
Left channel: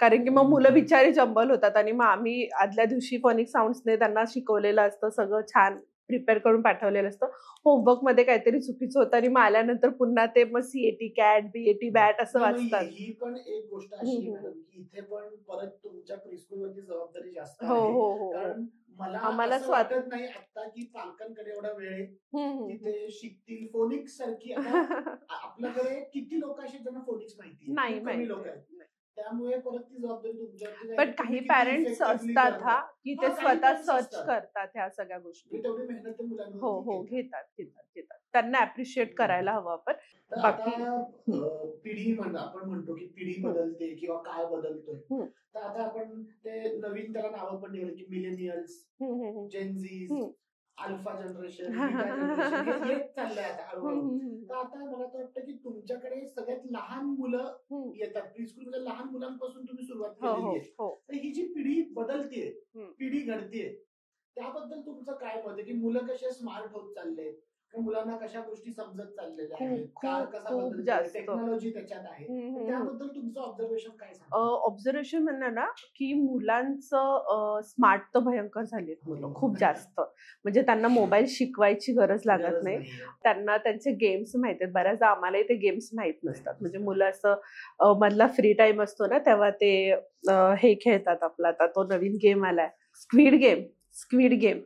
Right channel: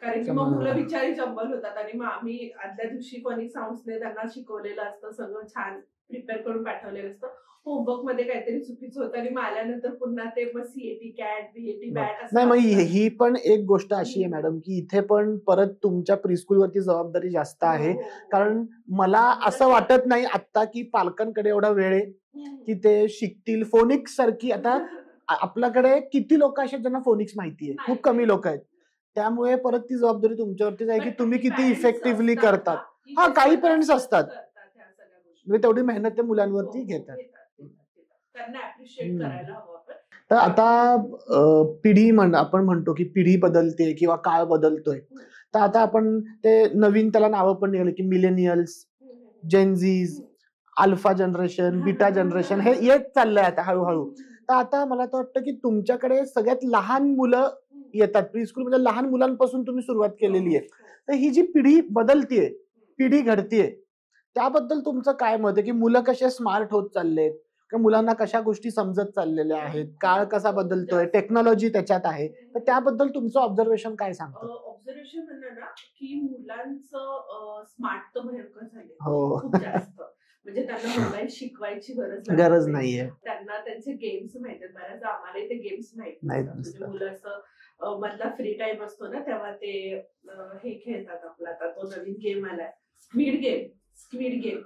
कारण की मग मुलं बिचारी जंबल होतात. आणि मग आम्ही आदल्या दिवशी फॉनिक साऊंड्सने त्यांना शिकवलेलं असतं, सगळं छान प्रिपेअर करून पाठवलेलं असतं. होमवर्क मध्ये काहीतरी चुकीचं होतं आणि मग आल्यानंतर पुन्हा ते मग सीएटी कॅट, बीएटी बॅट असं. ही पण एक गोष्ट अशी आहे मॅडम की इथे पण परत तुमच्या प्रीस्कूलवरती जबाबदारी जास्त आहे. कारण मला असं वाटत नाही आता की पालकांकडे एवढा वेळ आहे की ते शिकतील फोनिक्स सारखी. आता आपल्याकडे किती लोक असे ज्यांना फोनिक्स माहिती आहे? खूप कमी लोक आहेत. त्यामुळे परत ती जबाबदारी तुमच्यावरतीच आहे की तुम्ही किती इफेक्टिव्हली करता. काही पेरेंट्स असतात ह्या सगळ्या गोष्टी, म्हणजे तेवढी मेहनत ते मुलांवरती घेतात. त्यांना अप्रिशिएट करायला हवं आपण. तर आता पिढी आपण म्हणतो की पिढी बदलते किंवा काळ बदलतोय, तर आता आपण ते नवीन त्याला नावं पण निघाले की millennials, Gen Zs, alpha generation, beta generation, हे येत चाललंय आता हळूहळू. तर आता मला तर वाटतं की तुमच्याकडे सगळ्यात लहान मुलं येतात प्रीस्कूल, म्हणजे लहान मुलांपासून तुम्ही सुरुवात केलेली आहे. तर ही जी पिढी बदलतीये, पिढी घडतीये, त्याबद्दल तुमचं काय मत आहे की मुलं कसे स्मार्ट होत चाललेत, मुलांना कशा गोष्टी समजत चाललेल्या आहेत, काळ कसा बदलतोय, टेक्नॉलॉजी त्याच्यात आहे, तर त्याबद्दल तुमचं ऑब्झर्वेशन काय सांगतं? ऑब्झर्वेशन म्हणणं ना की मुलांचं स्मार्ट तर भयंकर झाले खूप जास्त. म्हणजे त्यांना मोबाईल शिकवायची गरज लागत नाहीये, त्यांना त्यांचे गेम्स माहित आहेत. बऱ्याचदा आम्हालाही ते गेम्स माहित नसतात. म्हणजे मुलं असं मधला फ्री टाइम असतो ना तेव्हा ते हे खेळतात, आपला आता तो नवीन गेम आलाय स्क्विड गेम.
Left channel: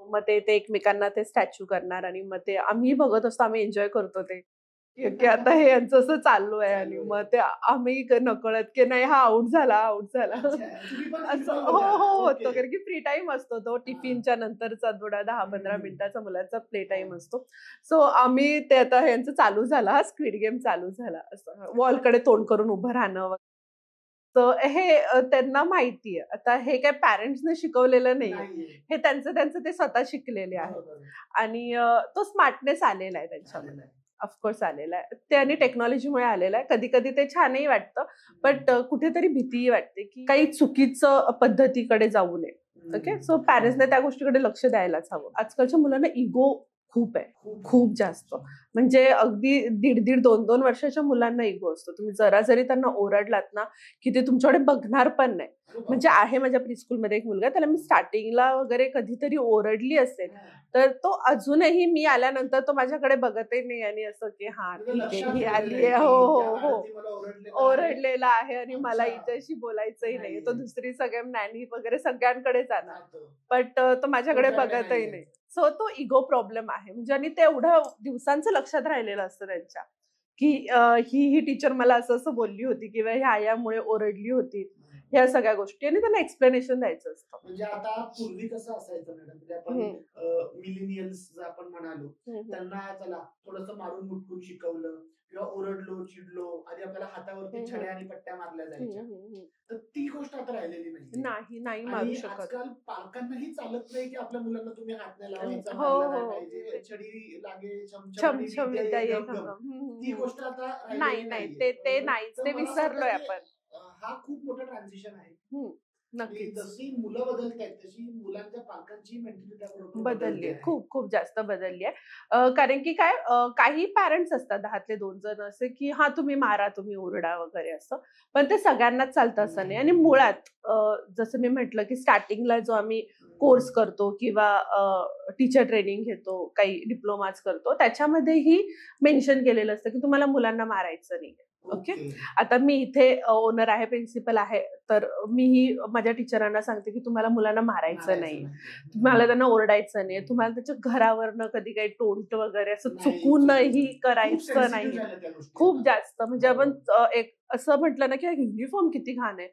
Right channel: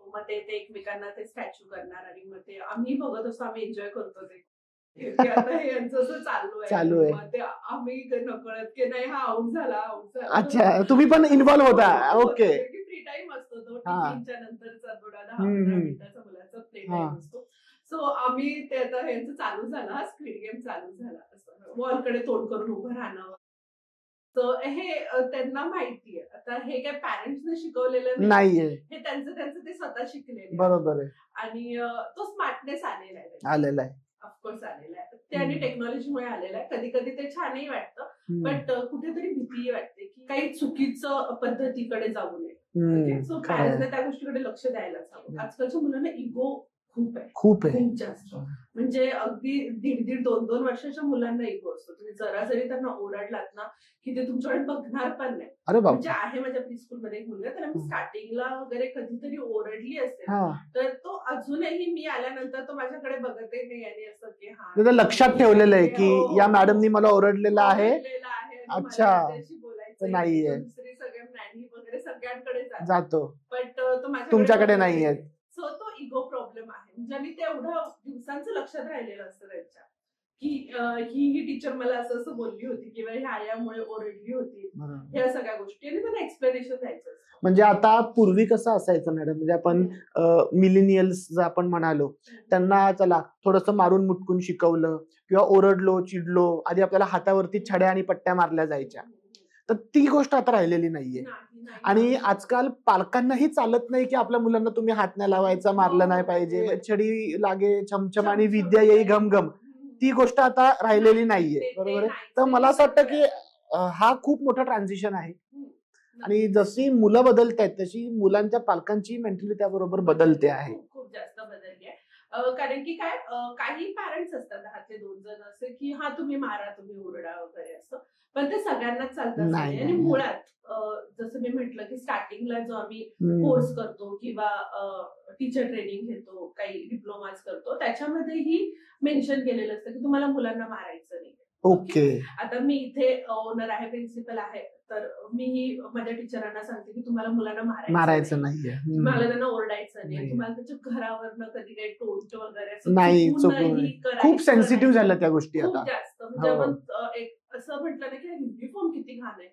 मग ते एकमेकांना ते स्टॅच्यू करणार आणि मग ते आम्ही बघत असतो, आम्ही एन्जॉय करतो ते. की आता हे यांचं असं चालू आहे. मग ते आम्ही नकळत की नाही हा आउट झाला. अच्छा, तुम्ही पण इन्व्हॉल्व होता. ओके. कारण की फ्री टाइम असतो तो टिफिनच्या नंतरचा थोडा 10-15 मिनिटाचा मुलाचा प्ले टाइम असतो. सो आम्ही ते आता यांचं चालू झाला, हा स्क्विड गेम चालू झाला. असं वॉलकडे तोंड करून उभं राहणं. तर हे त्यांना माहितीये. आता हे काय पॅरेंट्सने शिकवलेलं नाहीये. हे त्यांचं ते स्वतः शिकलेले आहे. बरोबर आहे. आणि तो स्मार्टनेस आलेला आहे. ऑफकोर्स आलेला आहे. ते आणि टेक्नॉलॉजीमुळे आलेला आहे. कधी कधी ते छानही वाटतं, बट कुठेतरी भीतीही वाटते की काही चुकीचं पद्धतीकडे जाऊ नये. ओके, सो पॅरेंट्सने त्या गोष्टीकडे लक्ष द्यायलाच हवं. आजकालच्या मुलांना इगो खूप जास्त. म्हणजे अगदी 1.5-2 वर्षाच्या मुलांना इगो असतो. तुम्ही जरा जरी त्यांना ओरडलात ना की ते तुमच्याकडे बघणार पण नाही. म्हणजे आहे माझ्या प्रीस्कूलमध्ये एक मुलगा, त्याला मी स्टार्टिंगला वगैरे कधीतरी ओरडली असेल तर तो अजूनही मी आल्यानंतर तो माझ्याकडे बघतही नाही आणि असं की हा लक्षात ठेवलेलं आहे की या मॅडमनी मला ओरडलेलं आहे आणि मला याच्याशी बोलायचं नाही. तो दुसरी सगळ्या नॅनी वगैरे सगळ्यांकडे जातो, बट तो माझ्याकडे नाही. सो तो इगो प्रॉब्लेम आहे. म्हणजे आणि ते एवढं दिवसांचं लक्षात राहिलेलं असतं त्यांच्या की ही टीचर मला असं बोलली होती किंवा ह्या यामुळे ओरडली होती, ह्या सगळ्या गोष्टी. आणि त्यांना एक्सप्लेनेशन द्यायचं असतं. म्हणजे आता पूर्वी कसं असायचं मॅडम, म्हणजे आपण मिलेनियल्स आपण म्हणालो, त्यांना चला थोडंसं मारून मुटकून शिकवलं किंवा ओरडलो चिडलो, आधी आपल्याला हातावरती छड्या आणि पट्ट्या मारल्या जायच्या. तर ती गोष्ट आता राहिलेली नाहीये. आणि आजकाल पालकांनाही चालत नाही की आपल्या मुलांना तुम्ही हात नाही लावायचा, मारलं नाही पाहिजे, छडी लागे छमछम आणि विद्या येई घमघम, ती गोष्ट आता राहिलेली नाहीये. तर मला असं वाटतं की हा खूप मोठा ट्रान्झिशन आहे. आणि जशी मुलं बदलतायत तशी मुलांच्या पालकांची मेंटॅलिटी त्याबरोबर बदलते आहे. खूप जास्त बदलली आहे. कारण की काही पॅरेंट्स असतात 10तले 2 जण असे की हा तुम्ही मारा, तुम्ही ओरडा वगैरे असं, पण ते सगळ्यांनाच चालतं असं नाही. आणि मुळात जसं मी म्हटलं की स्टार्टिंगला जो आम्ही कोर्स करतो किंवा टीचर ट्रेनिंग घेतो, काही डिप्लोमाज करतो, त्याच्यामध्येही मेन्शन केलेलं असतं की तुम्हाला मुलांना मारायचं नाही. ओके, आता मी इथे ओनर आहे, प्रिन्सिपल आहे, तर मीही माझ्या टीचरांना सांगते की तुम्हाला मुलांना मारायचं नाही, तुम्हाला त्यांना ओरडायचं नाही, तुम्हाला त्याच्या घरावरनं कधी काही टोंट वगैरे असं चुकूनही करायचं नाही. खूप जास्त. म्हणजे आपण एक असं म्हटलं ना की युनिफॉर्म किती घाण आहे,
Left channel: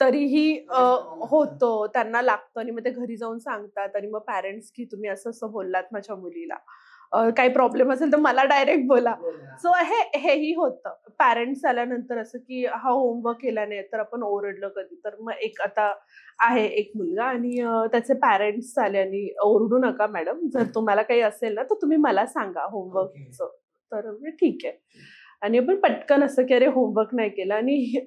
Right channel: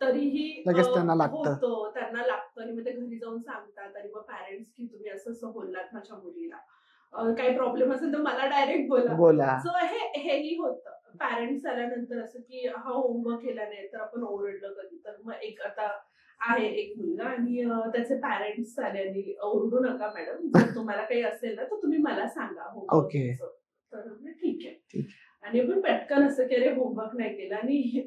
तरीही होतो, त्यांना लागतं. आणि मग ते घरी जाऊन सांगतात. आणि मग पॅरेंट्स की तुम्ही असं बोललात माझ्या मुलीला, काही प्रॉब्लेम असेल तर मला डायरेक्ट बोला. सो हेही होतं. पॅरेंट्स आल्यानंतर असं की हा होमवर्क केला नाही तर आपण ओरडलं कधी, तर मग एक आता आहे एक मुलगा आणि त्याचे पॅरेंट्स आले आणि ओरडू नका मॅडम, जर तुम्हाला काही असेल ना तर तुम्ही मला सांगा होमवर्कचं. तर ठीक आहे. आणि आपण पटकन असं की अरे होमवर्क नाही केला, आणि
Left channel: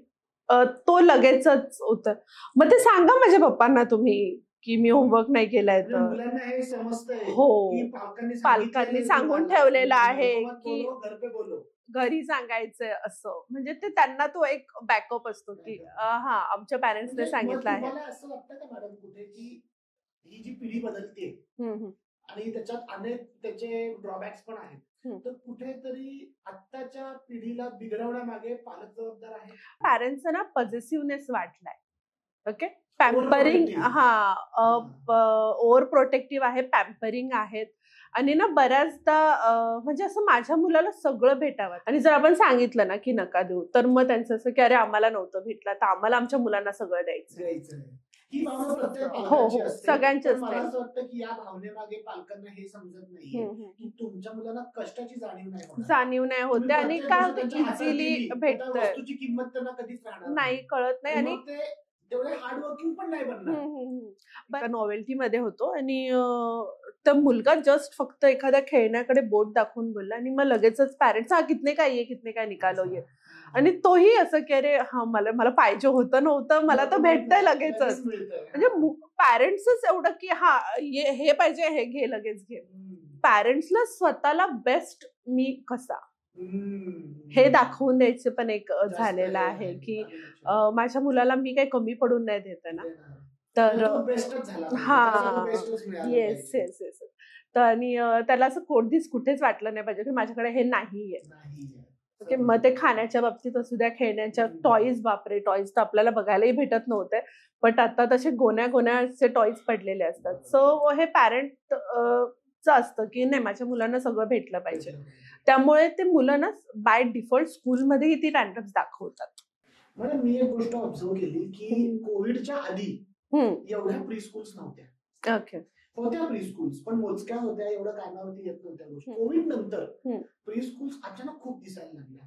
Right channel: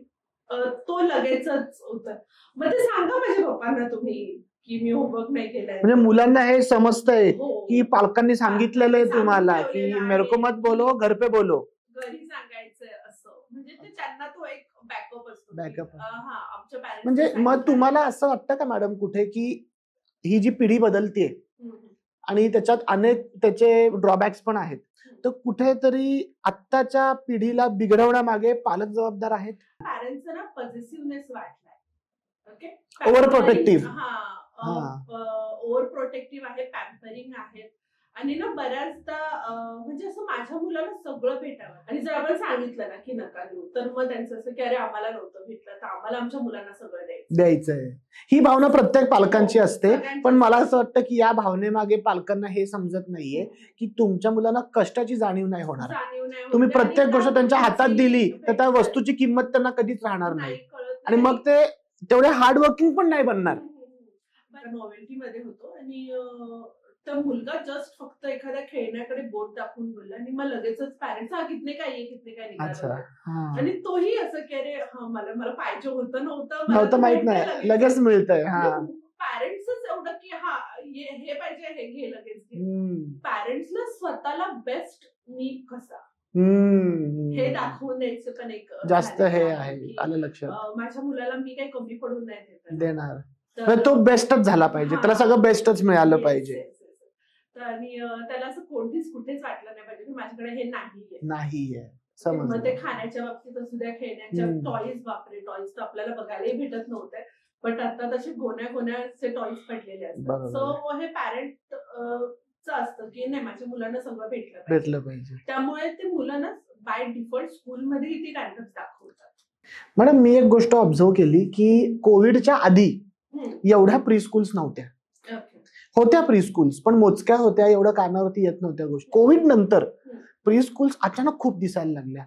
तो लगेचच होतं. मग ते सांगा माझ्या पप्पांना तुम्ही की मी होमवर्क नाही केलाय. म्हणजे मुलांना हे समजतंय की पालकांनी सांगितलेलं आहे तुम्हाला, मेरे को मत बोलो घर पे बोलो, घरी सांगायचंय असं. म्हणजे ते त्यांना तो एक बॅकअप असतो की हा आमच्या पॅरेंट्स. म्हणजे मग तुम्हाला असं वाटतं का मॅडम कुठे की ही जी पिढी बदलते आणि त्याच्यात अनेक त्याचे ड्रॉबॅक्स पण आहेत, तर कुठेतरी आत्ताच्या पिढीला बिघडवण्यामागे पालक जबाबदार आहेत? पॅरेंट्सचा ना पॉझिटिव्हनेस वाटलाय. Okay, over protective. Over protective आहे, पॅम्परिंग आहेत. आणि ना बऱ्याचदा म्हणजे असं माझ्या मुलाला सगळं भेटावं, आणि जर आपण सांगितलं ना की नका देऊ, तर मग त्यांचं असं की अरे आम्हाला नव्हतं भेटलं तर आम्हाला आमच्या मुलांना सगळं द्यायचंय. ही भावना प्रत्येक पालकांची असते. पण मला असं वाटतं की या भावनेमागे पालकांना हे समजत नाहीये की तुमच्या मुलांना कष्टाची जाणीव नाही होणार. तुम्ही प्रत्येक गोष्ट त्यांच्या हातात दिली तर त्या वस्तूची किंमत त्यांना कधीच राहणार नाही, कळत नाही. मग ते तेवढे हार्डवर्किंग पण नाही बनणार. नॉवेल्टी मध्ये होतो आणि तर मुलगा जस्ट फक्त एखाद्या खेळण्याकडे बोट दाखवून बोलला आणि मग लगेचच पॅरेंट्स कितने काय निघालो. आणि तोही असं की अरे हा मला पाहिजे होतं नव्हतं, मला तर भेटतंय लगेच मिळतंय. पॅरेंट्सच एवढं की हा हे पाहिजे हे घे लगेच घे. पॅरेंट्सला स्वतःला बेस्ट मी कसा हे दाखवून द्यायचं पण एक झालेलं आहे की माझ्या मुलाला मी काही कमी पडून नाही देणार, तर तो बेस्टच झाला पाहिजे, त्याला सगळं बेस्टच मिळालं पाहिजे. तर आणि त्याला असं कोणतीच कुठेच वाटलं नाही पाहिजे की माझ्याकडे हे नाहीये. मग ते खाण्याच्या बाबतीत असू द्या, खेळण्याच्या टॉईज, बापरे टॉईज तर आपल्याला बघायलाही भेटत नव्हते, बट आता तसे गोण्याचे टॉईज पडलेले असतात. सो हे पॅरेंट असतं की नाही माझ्या मुलांना सगळं भेटलं पाहिजे, त्यामुळे ते मुलं ना बाय डिफॉल्ट स्कूलमध्येही ती टँट्रम्स दाखवतात. मॅडम मी एक गोष्ट ऑब्झर्व केली की कोविडच्या आधी एवढ्या प्री स्कूल्स नव्हत्या. होत्या प्री स्कूल्स पण मोजक्या होत्या, एवढं कानावरती येत नव्हत्या गोष्टी. कोविड नंतर प्री स्कूल्स अचानक खूप दिसायला लागल्या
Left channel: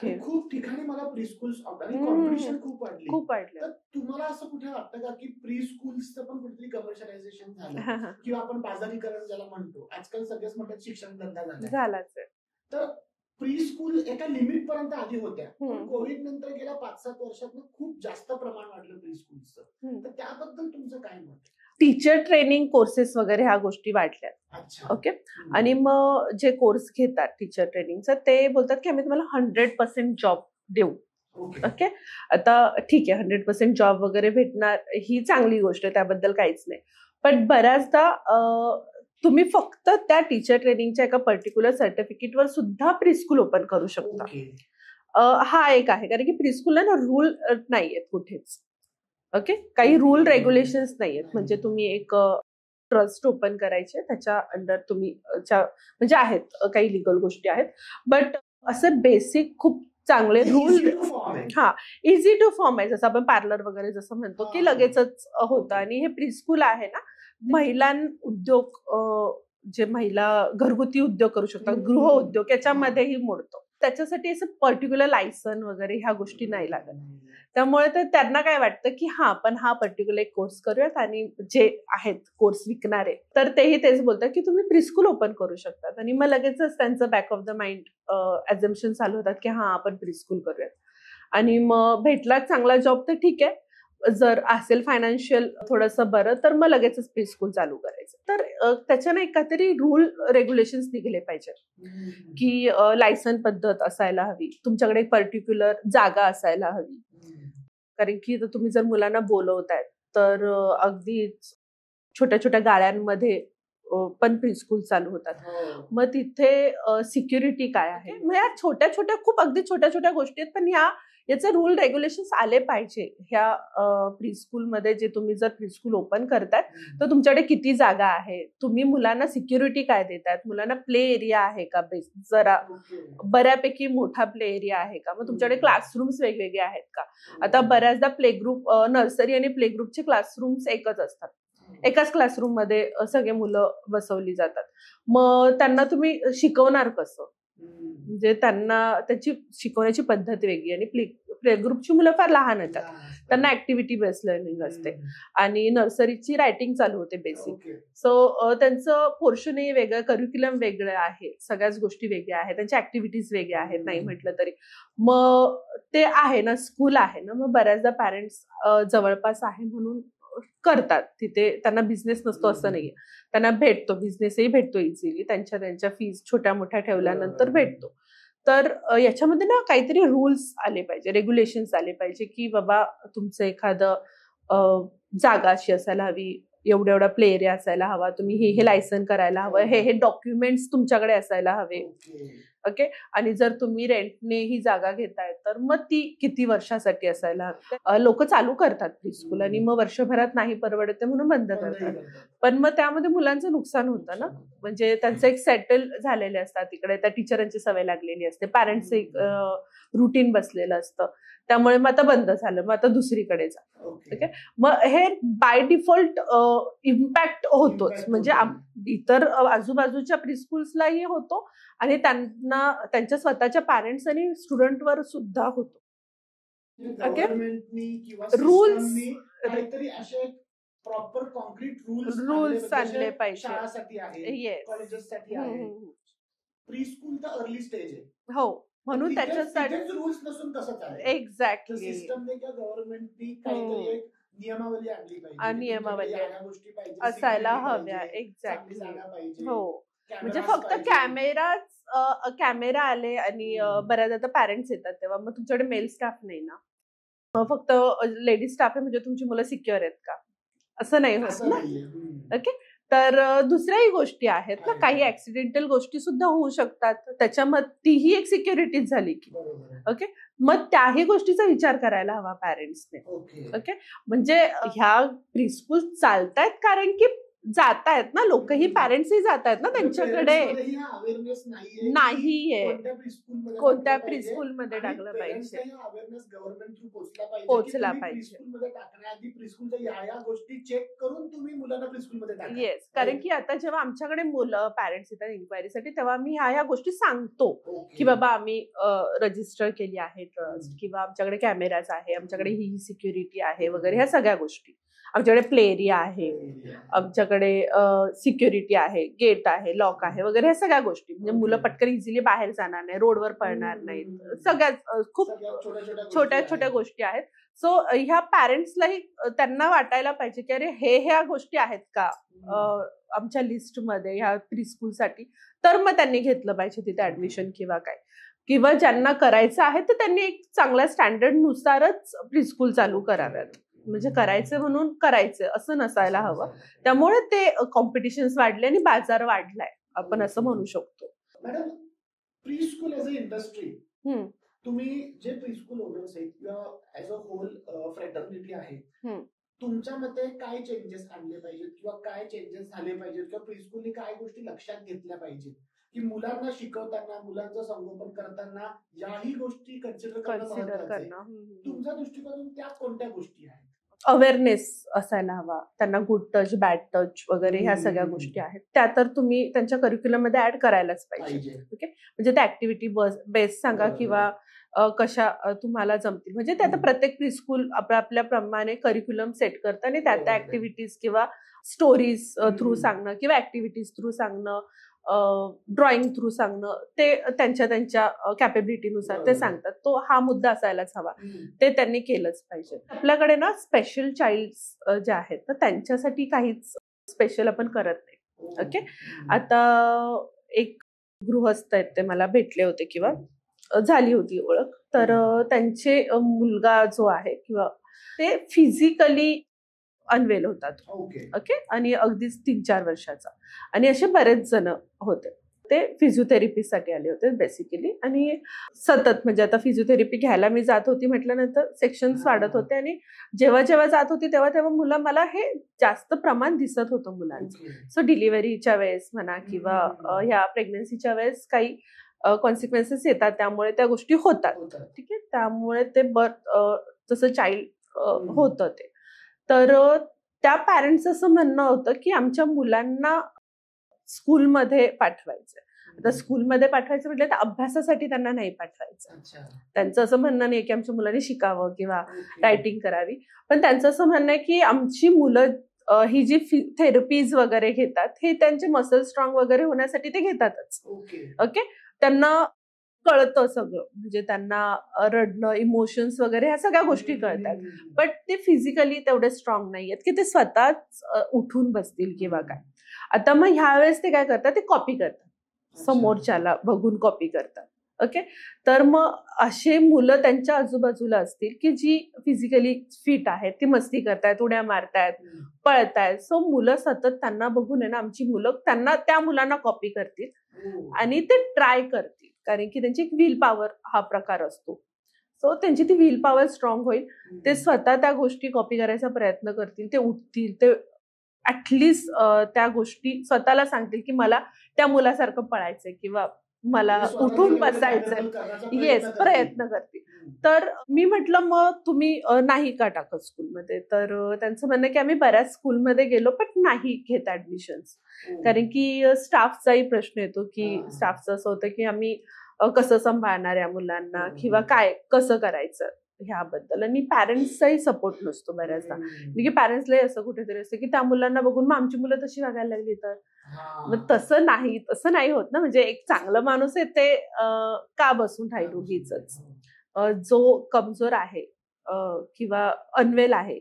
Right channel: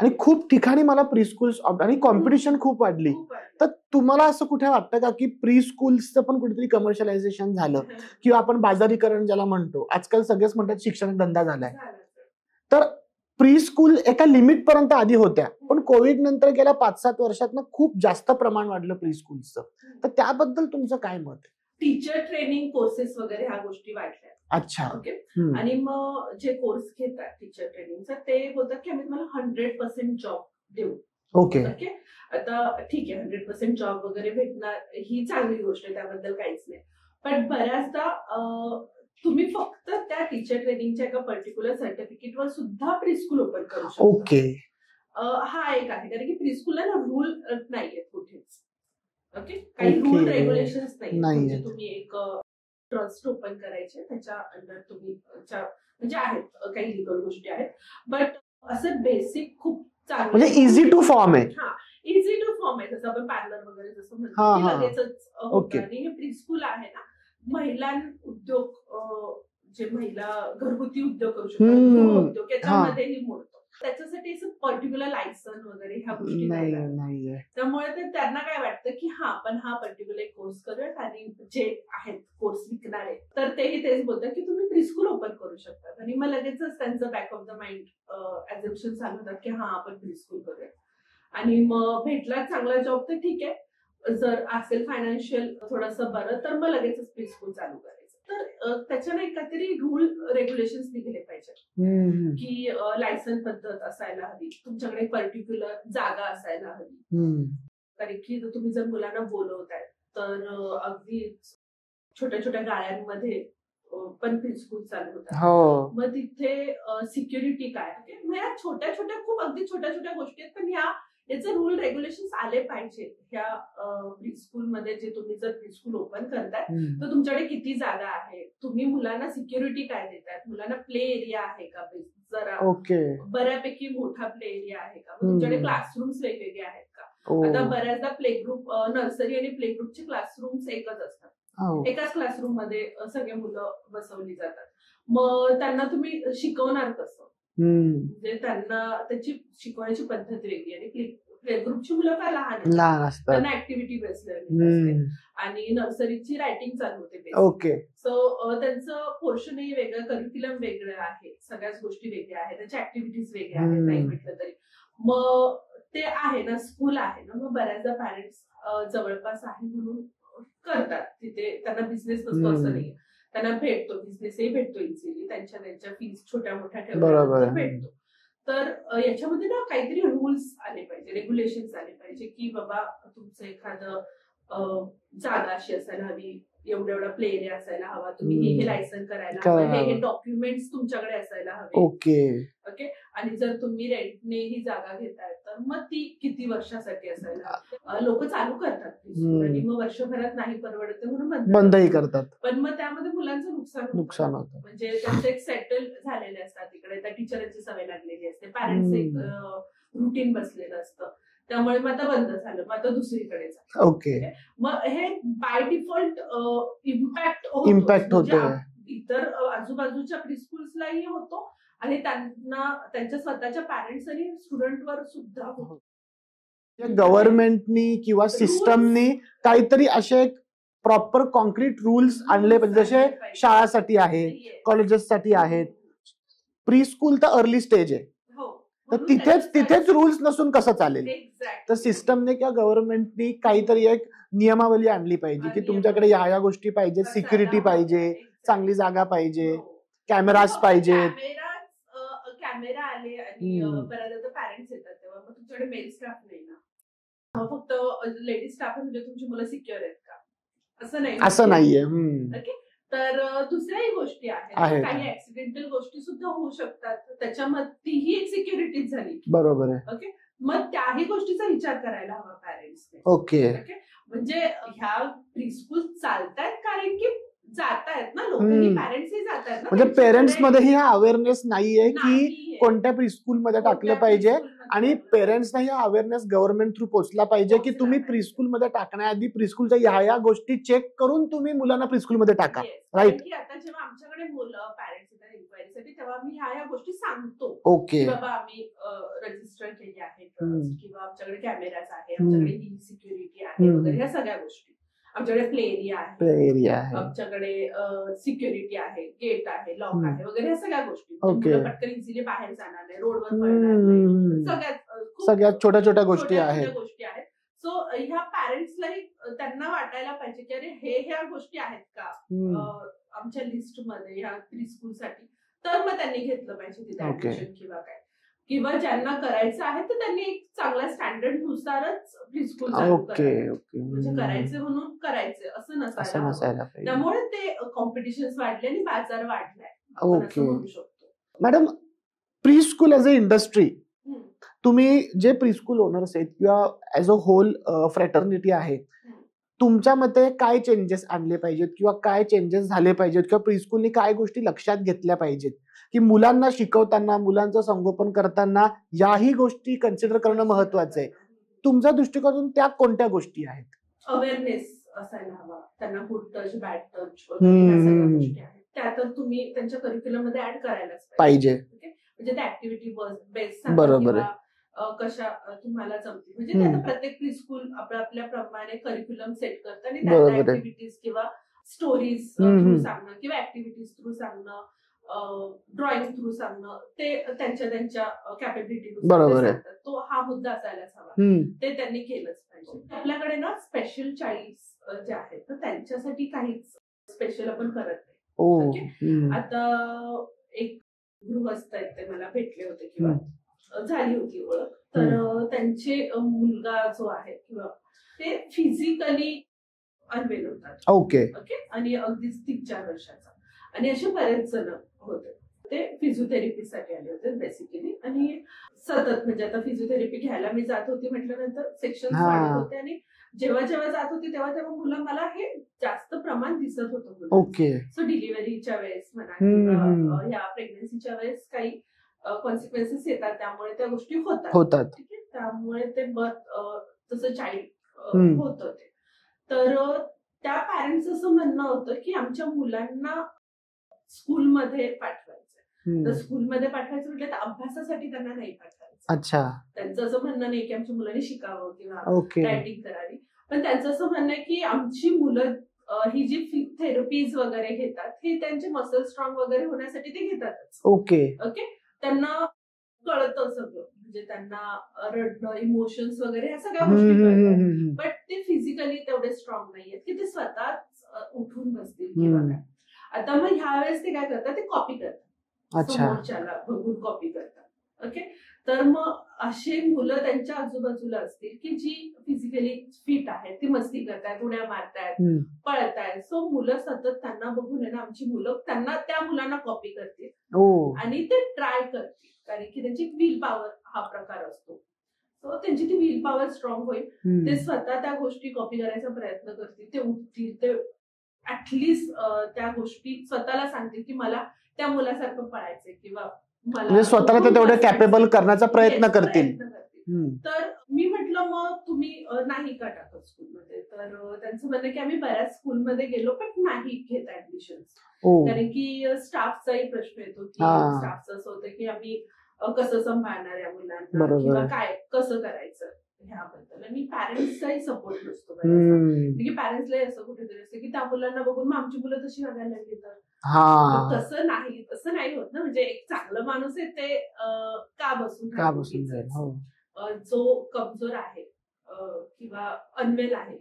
आणि खूप ठिकाणी मला प्री स्कूल्स आणि कॉम्पिटिशन खूप वाढली. तर तुम्हाला असं कुठे वाटतं का की प्री स्कूल्सचं पण कुठेतरी कमर्शियलायझेशन झालं किंवा आपण बाजारीकरण ज्याला म्हणतो, आजकाल सगळेच म्हणतात शिक्षण धंदा झालाय, तर प्री स्कूल एका लिमिट पर्यंत आधी होत्या पण कोविड नंतर गेल्या 5-7 वर्षात खूप जास्त प्रमाण वाढलं प्री स्कूलचं, तर त्याबद्दल तुमचं काय मत? टीचर ट्रेनिंग कोर्सेस वगैरे ह्या गोष्टी वाढल्या. अच्छा. ओके. आणि मग जे कोर्स घेतात टीचर ट्रेनिंगचं ते बोलतात की आम्ही तुम्हाला 100% जॉब देऊ. ओके. आता ठीक आहे 100% जॉब वगैरे भेटणार ही चांगली गोष्ट आहे, त्याबद्दल काहीच नाही. पण बऱ्याचदा तुम्ही फक्त त्या टीचर ट्रेनिंगच्या एका पर्टिक्युलर सर्टिफिकेटवर सुद्धा प्रीस्कूल ओपन करू शकता. ओके. हा एक आहे, कारण की प्रीस्कूलला ना रूल नाहीयेत कुठेच. ओके. काही रूल रेग्युलेशन्स नाहीयेत. म्हणजे तुम्ही एक ट्रस्ट ओपन करायचे, त्याच्या अंडर तुम्ही म्हणजे आहेत काही लिगल गोष्टी आहेत, बट असं बेसिक खूप चांगले इझी टू फॉर्म आहे. हा, इझी टू फॉर्म आहे. जसं आपण पार्लर वगैरे जसं म्हणतो की लगेचच होतं. आणि हे प्रीस्कूल आहे ना, महिला उद्योग, जे महिला घरगुती उद्योग करू शकतात, गृहउद्योग, याच्यामध्येही मोडतो. त्याच्यासाठी असं पर्टिक्युलर लायसन वगैरे ह्या गोष्टी नाही लागत. त्यामुळे तर त्यांना काय वाटतं की हा आपण हा पर्टिक्युलर कोर्स करूयात, आणि जे आहेत कोर्स विकणारे तर तेही तेच बोलतात की तुम्ही प्रीस्कूल ओपन करू शकतात. आणि मग लगेचच त्यांचं बॅक ऑफ द माइंड ॲझम्पशन चालू होतात की हा आपण प्रीस्कूल करूयात. आणि मग भेटला चांगला जॉब तर ठीक आहे, जर असेल फायनान्शियल थोडंसं बरं तर मग लगेचच प्रीस्कूल चालू करायचं. तर त्याच्याने काहीतरी रूल रेग्युलेशन्स निघले पाहिजे की लायसन पद्धत असायला हवी, तुमच्याकडे एक पर्टिक्युलर जागा असायला हवी. कारण की तुम्ही जर मुलांना बोलवताय तर अगदी छोट्या छोट्या गाड्यांमध्ये पण प्रीस्कूल चालू होतात. मग तिथे सिक्युरिटी काय आहे, मग या छोट्या छोट्या खूप अगदी छोट्या छोट्या गोष्टी आहेत, पण याचे रूल रेग्युलेशन्स आले पाहिजे. ह्या प्रीस्कूलमध्ये जे तुम्ही जर प्रीस्कूल ओपन करताय तर तुमच्याकडे किती जागा आहे, तुम्ही मुलांना सिक्युरिटी काय देतात, मुलांना प्ले एरिया आहे का, जरा बऱ्यापैकी मोठा प्ले एरिया आहे का, मग तुमच्याकडे क्लासरूम्स वेगवेगळे आहेत का. आता बऱ्याचदा प्ले ग्रुप, नर्सरी आणि प्ले ग्रुपचे क्लासरूम्स एकच असतात, एकाच क्लासरूम मध्ये सगळे मुलं बसवली जातात. मग त्यांना तुम्ही शिकवणार कसं, म्हणजे त्यांना त्याची शिकवण्याची पद्धत वेगळी. आणि प्ले ग्रुपची मुलं फार लहान असतात, त्यांना ऍक्टिव्हिटी बेस्ड लर्निंग असते, आणि नर्सरीची रायटिंग चालू होते बेसिक. सो त्यांचं पोर्शनही वेगळं, करिक्युलम वेगळं आहे, सगळ्याच गोष्टी वेगळ्या आहेत, त्यांच्या ऍक्टिव्हिटीज वेगळ्या आहेत नाही म्हटलं तरी. मग ते आहे ना, स्कूल आहे ना, मग बऱ्याचदा पॅरेंट्स जवळपास आहे म्हणून करतात तिथे, त्यांना बिझनेस नसतो असं नाहीये, त्यांना भेटतो, बिझनेसही भेटतो इझिली, त्यांच्या फीज छोट्या मोठ्या ठेवल्यानंतर भेटतो. तर याच्यामध्ये ना काहीतरी रूल्स आले पाहिजे, रेग्युलेशन्स आले पाहिजे की बाबा तुमचं एखादं जागा अशी असायला हवी, एवढा प्ले एरिया असायला हवा, तुम्ही हे लायसन करायला हवं, हे डॉक्युमेंट्स तुमच्याकडे असायला हवे. ओके. आणि जर तुम्ही रेंटने ही जागा घेताय तर मग ती किती वर्षासाठी असायला हवी. लोक चालू करतात प्रीस्कूल आणि मग वर्षभरात नाही परवडते म्हणून बंदही करतात. पण मग त्यामध्ये मुलांचं नुकसान होतं, म्हणजे त्यांचं एक सेटल झालेले असतात तिकडे, त्या टीचरांची सवय लागलेली असते, पॅरेंट्स एक रुटीन बसलेलं असतं, त्यामुळे मग आता बंद झालं, मग आता दुसरीकडे जा. ओके. मग हे बाय डिफॉल्ट इम्पॅक्ट होतो, म्हणजे इतर आजूबाजूच्या प्रीस्कूल्सलाही होतो आणि त्यांना त्यांच्या स्वतःच्या पॅरेंट्स आणि स्टुडंटवर सुद्धा होतो. गव्हर्नमेंटनी किंवा सिस्टमनी काहीतरी असे प्रॉपर कॉन्क्रीट रूल्स आणले पाहिजे, जसे शाळासाठी आहे, कॉलेजेससाठी आहेत. प्रीस्कूल तर अर्ली स्टेज आहे, तिथेच रूल्स नसून कसं चालेल. एक्झॅक्ट. तर सिस्टमने किंवा गव्हर्नमेंटनी काहीतरी एक नियमावली आणली पाहिजे की तुमच्याकडे या गोष्टी पाहिजे, सिक्युरिटी पाहिजे, चांगली जागा पाहिजे, कॅमेराज पाहिजे. कॅमेरा आले आणि बऱ्याच आता पॅरेंट्स येतात तेव्हा मग तुमच्याकडे मेल स्टाफ नाही ना, फक्त लेडीज स्टाफ आहे म्हणजे तुमची मुलं सिक्युअर आहेत का, असं नाहीये. ओके. तर दुसऱ्याही गोष्टी आहेत, काही ऍक्सिडेंटल गोष्टी सुद्धा होऊ शकतात, त्याच्यामध्ये तीही एक सिक्युरिटीच झाली. बरोबर आहे. ओके. मग त्याही गोष्टीचा विचार करायला हवा पॅरेंट्सने. ओके. म्हणजे ह्या प्रीस्कूल चालतायत कारण की जातायत ना लोकही, पॅरेंट्सही जातायत ना, म्हणजे पेरेंट्स मध्ये हा अवेअरनेस नाहीये की कोणत्या प्रीस्कूल मध्ये टाकलं पाहिजे, आणि पेरेंट्सना हा अवेअरनेस गव्हर्नमेंट थ्रू पोहोचला पाहिजे की तुम्ही प्रीस्कूल मध्ये टाकण्याआधी प्रीस्कूलच्या ह्या गोष्टी चेक करून तुम्ही मुलांना प्रीस्कूल मध्ये टाका. कारण की आता जेव्हा आमच्याकडे मुलं पॅरेंट्स येतात इन्क्वायरीसाठी, तेव्हा मी ह्या गोष्टी सांगतो की बाबा आम्ही रजिस्टर केली आहे ट्रस्ट, किंवा आमच्याकडे कॅमेराज आहे, आमच्याकडे ही सिक्युरिटी आहे वगैरे, ह्या सगळ्या गोष्टी. आमच्याकडे प्ले एरिया आहे, आमच्याकडे सिक्युरिटी आहे, गेट आहे, लॉक आहे वगैरे, ह्या सगळ्या गोष्टी. म्हणजे मुलं पटकन इझिली बाहेर जाणार नाही, रोडवर पळणार नाही, सगळ्यात छोट्या गोष्टी आहेत. सो ह्या पॅरेंट्सलाही त्यांना वाटायला पाहिजे की अरे ह्या गोष्टी आहेत का आमच्या लिस्टमध्ये ह्या प्रीस्कूलसाठी, तर मग त्यांनी घेतलं पाहिजे तिथे ऍडमिशन किंवा काय. किंवा ज्यांना करायचं आहे तर त्यांनी एक चांगल्या स्टँडर्ड नुसारच प्रीस्कूल चालू करावं. म्हणजे करायचं म्हणून करायचं असं नसायला हवं. त्यामुळे ते कॉम्पिटिशन्स वाढले आणि बाजार वाढलाय, आपण असं म्हणू शकतो. Madam, preschool as a industry, तुम्ही जे प्रीस्कूल ओनर्स आहेत किंवा ऍज अ होल फ्रॅटर्निटी आहे, तुमच्या मते काय चेंजेस आणले पाहिजेत किंवा काय चेंजेस झाले पाहिजेत किंवा प्रीस्कूलनी काय गोष्टी लक्षात घेतल्या पाहिजेत की मुलांना शिकवताना, मुलांचं संगोपन करताना याही गोष्टी कन्सिडर करणं महत्वाचं आहे? तुमच्या दृष्टिकोनातून त्या कोणत्या गोष्टी आहेत? अवेअरनेस असायला हवा त्यांना, गुड टच, बॅड टच वगैरे ह्या सगळ्या गोष्टी आहेत त्या तर तुम्ही त्यांच्या करिक्युलम मध्ये ऍड करायलाच पाहिजे. ओके, म्हणजे त्या ऍक्टिव्हिटी बेस सांगा किंवा कशा तुम्हाला जमतील. म्हणजे ते आता प्रत्येक प्रीस्कूल आपल्या प्रमाणे करिक्युलम सेट करतं आणि त्या ऍक्टिव्हिटीज किंवा स्टोरीज थ्रू सांगणं किंवा ऍक्टिव्हिटीज थ्रू सांगणं, ड्रॉइंग थ्रू सांगणं, ते त्यांच्या कॅपेबिलिटीनुसार ते सांगतात. तो हा मुद्दा असायलाच हवा, ते त्यांनी केलंच पाहिजे. आपल्याकडे ना स्पेशल चाइल्ड जे आहेत तर त्यांच्यासाठी काहीच स्पेशल आपण करत नाही. ओके, आता एक गृहस्थ आहेत, ते मला भेटले होते किंवा झाली होती ओळख, तर त्यांचे मुलगा जो आहे किंवा ते फिजिकली अनवेल होतात. ओके, आणि अगदीच 3-4 वर्षाचा, आणि असे बरेच जण होते. ते फिजिओथेरपीसाठी आले होते बेसिकली, आणि सतत म्हणजे आता फिजिओथेरपी घ्यायला मी जात होती म्हटल्यानंतर सेक्शन्स वाढत होते, आणि जेव्हा जात होती तेव्हा मुलं मला हे जास्त प्रमाण दिसत होतं मुलांचं. सो डिलिव्हरीच्या वेळेस म्हणा किंवा ह्या प्रेग्नन्सीच्या वेळेस काही कॉन्सिक्वेन्सेस येतात, त्यामुळे त्या गोष्टी होतात. ठीक आहे, त्यामुळे ते जसं चाइल्ड होतं ते. तर त्या पॅरेंट्स असं म्हणणं होतं की आमच्या मुलांना स्कूलमध्ये पाठवायचं. तर स्कूलमध्ये पाठवायचं म्हटलं तर अभ्यासासाठी त्यांना नाही पाठवायचं. अच्छा, त्यांचं असं म्हणणं नाही की आमच्या मुलांनी शिकावं किंवा रायटिंग करावी, पण त्यांचं असं म्हणणं आहे की आमची मुलं ही जी थेरपीज वगैरे घेतात हे त्यांचे मसल स्ट्रॉंग वगैरे होण्यासाठी ते घेतातच. ओके, त्यांना कळतं सगळं, म्हणजे त्यांना रडणं, इमोशन्स वगैरे ह्या सगळ्या गोष्टी कळतात, बट ते फिजिकली तेवढे स्ट्रॉंग नाहीयेत की ते स्वतःच उठून बसतील किंवा काय. आता मग ह्या वेळेस ते काय करतात, ते कॉपी करतात, समोरच्याला बघून कॉपी करतात. ओके, तर मग असे मुलं त्यांच्या आजूबाजूला असतील की जी फिजिकली फिट आहेत, ती मस्ती करतायत, उड्या मारतायत, पळतायत. सो मुलं सतत त्यांना बघून आहे ना, आमची मुलं त्या मुलांना कॉपी करतील आणि ते ट्राय करतील, कारण की त्यांची एक व्हील पॉवर हा प्रकार असतो. सो त्यांची ती व्हील पॉवर स्ट्रॉंग होईल, ते स्वतः त्या गोष्टी कॉपी करायचा प्रयत्न करतील, ते उठतील, ते ऍटलिस्ट त्या गोष्टी स्वतःला सांगतील की मला त्या मुलासारखं पळायचंय किंवा मला स्वतःला तेवढं कॅपेबल करण्याचा प्रयत्न करतील. तर मी म्हटलं मग तुम्ही नाही का टाकत स्कूलमध्ये, तर त्यांचं म्हणणं की आम्ही बऱ्याच स्कूलमध्ये गेलो पण नाही घेत ऍडमिशन्स, कारण की स्टाफचाही प्रश्न येतो की स्टाफचं असं होतं की आम्ही कसं सांभाळणार या मुलांना किंवा काय कसं करायचं ह्याबद्दल, आणि पॅरेंट्सचाही सपोर्ट नसतो बऱ्याचदा. म्हणजे पॅरेंट्सलाही असं कुठेतरी असतं की त्या मुलांना बघून मग आमची मुलं तशी वागायला लागली तर. तसं नाही होत ना, म्हणजे एक चांगला माणूस आहे ते का बसून राहील. जो कमजोर आहे किंवा अनवेल आहे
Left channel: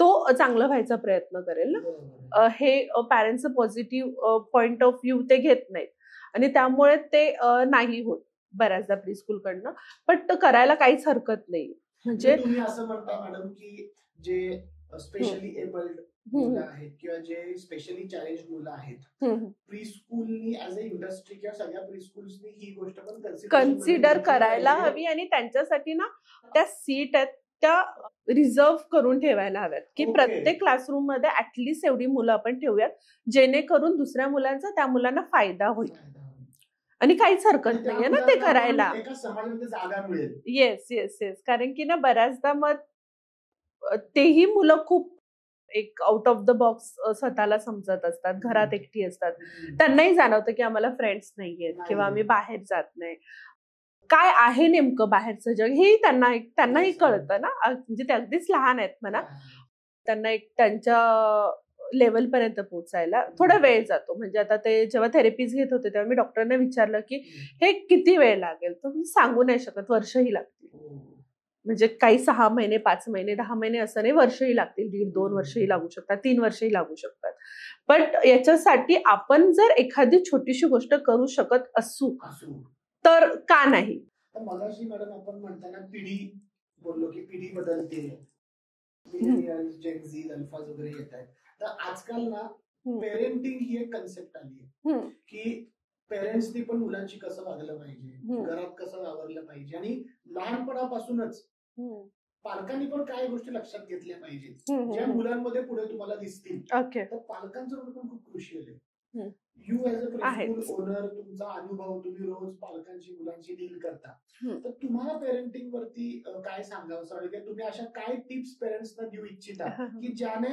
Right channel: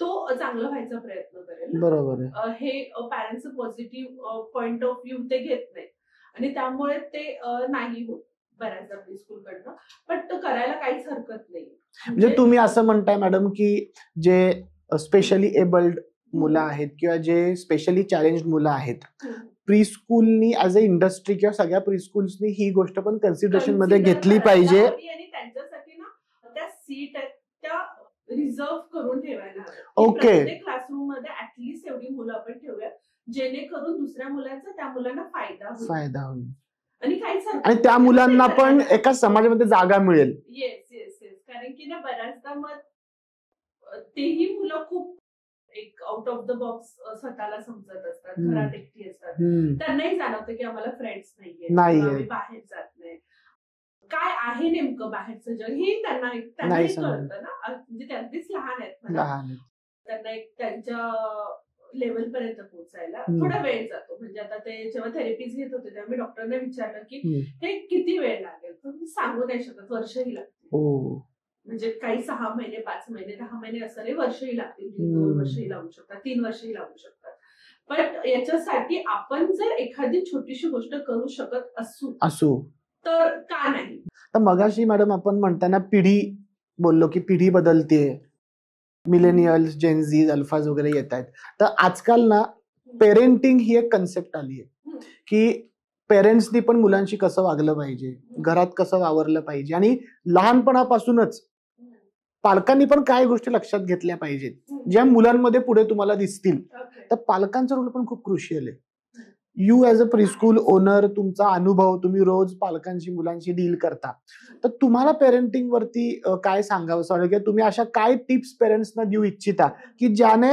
तो चांगला व्हायचा प्रयत्न करेल. बरोबर, हे पॅरेंट्सचं पॉझिटिव्ह पॉइंट ऑफ व्ह्यू ते घेत नाहीत, आणि त्यामुळे ते नाही होत बऱ्याचदा प्रीस्कूल कडनं, पण तो करायला काहीच हरकत नाही. म्हणजे तुम्ही असं म्हणताय मॅडम की जे स्पेशली एबल्ड मुलं आहेत किंवा जे स्पेशली चॅलेंज्ड मुलं आहेत, प्रीस्कूलनी ऍज अ इंडस्ट्री किंवा सगळ्या प्रीस्कूल्सनी ही गोष्ट पण कन्सिडरेशन मध्ये घेतली पाहिजे, आणि त्यांच्यासाठी ना त्या सीट आहेत त्या रिझर्व्ह करून ठेवायला हव्यात की प्रत्येक क्लासरूम मध्ये ऍटलिस्ट एवढी मुलं आपण ठेवूयात जेणेकरून दुसऱ्या मुलांचा त्या मुलांना फायदा होईल आणि काहीच हरकत नाही त्या मुलांना पण एका समाजामध्ये जागा मिळेल. Yes yes yes. कारण की ना बऱ्याचदा मग तेही मुलं खूप एक आउट ऑफ द बॉक्स स्वतःला समजत असतात, घरात एकटी असतात, त्यांनाही जाणवतं की आम्हाला फ्रेंड्स नाहीये किंवा आम्ही बाहेर जात नाही. काय आहे नेमकं बाहेरचं जग हे त्यांनाही कळतं ना, म्हणजे ते अगदीच लहान आहेत म्हणा, त्यांना एक त्यांच्या लेवल पर्यंत पोहोचायला थोडा वेळ जातो. म्हणजे आता ते जेव्हा थेरपीज घेत होते तेव्हा मी डॉक्टरने विचारलं की हे किती वेळ लागेल, तर मी सांगू नाही शकत, वर्षही लागतील. म्हणजे काही 6 महिने 5 महिने 10 महिने असं नाही, वर्षही लागतील, 1.5-2 वर्षही लागू शकतात, 3 वर्षही लागू शकतात. पण याच्यासाठी आपण जर एखादी छोटीशी गोष्ट करू शकत असू तर का नाही. तर मगाशी मॅडम आपण म्हणताना पिढी बोललो की पिढी बदलते, मिलेनियल्स, जेनझी, अल्फाज वगैरे येत आहेत. तर आजकाल ना पेरेंटिंग ही एक कन्सेप्ट आली आहे की पेरेंट्सनी पण मुलांशी कसं वागलं पाहिजे, घरात कसं वावरलं पाहिजे आणि लहानपणापासूनच पालकांनी पण काय गोष्टी लक्षात घेतल्या पाहिजेत ज्या मुलांमध्ये पुढे तुम्हाला दिसतील. तर पालकांचा रोल पण खूप क्रुशियल आहे. You as a preschool owner, तुमचा अनुभव, तुम्ही रोज पालकांशी मुलांशी डील करता, तर तुम्हाला पेरेंटिंग वरती काय सांगावं वाटेल, तुम्ही अशा काय टिप्स पेरेंट्सना देऊ इच्छिता की ज्याने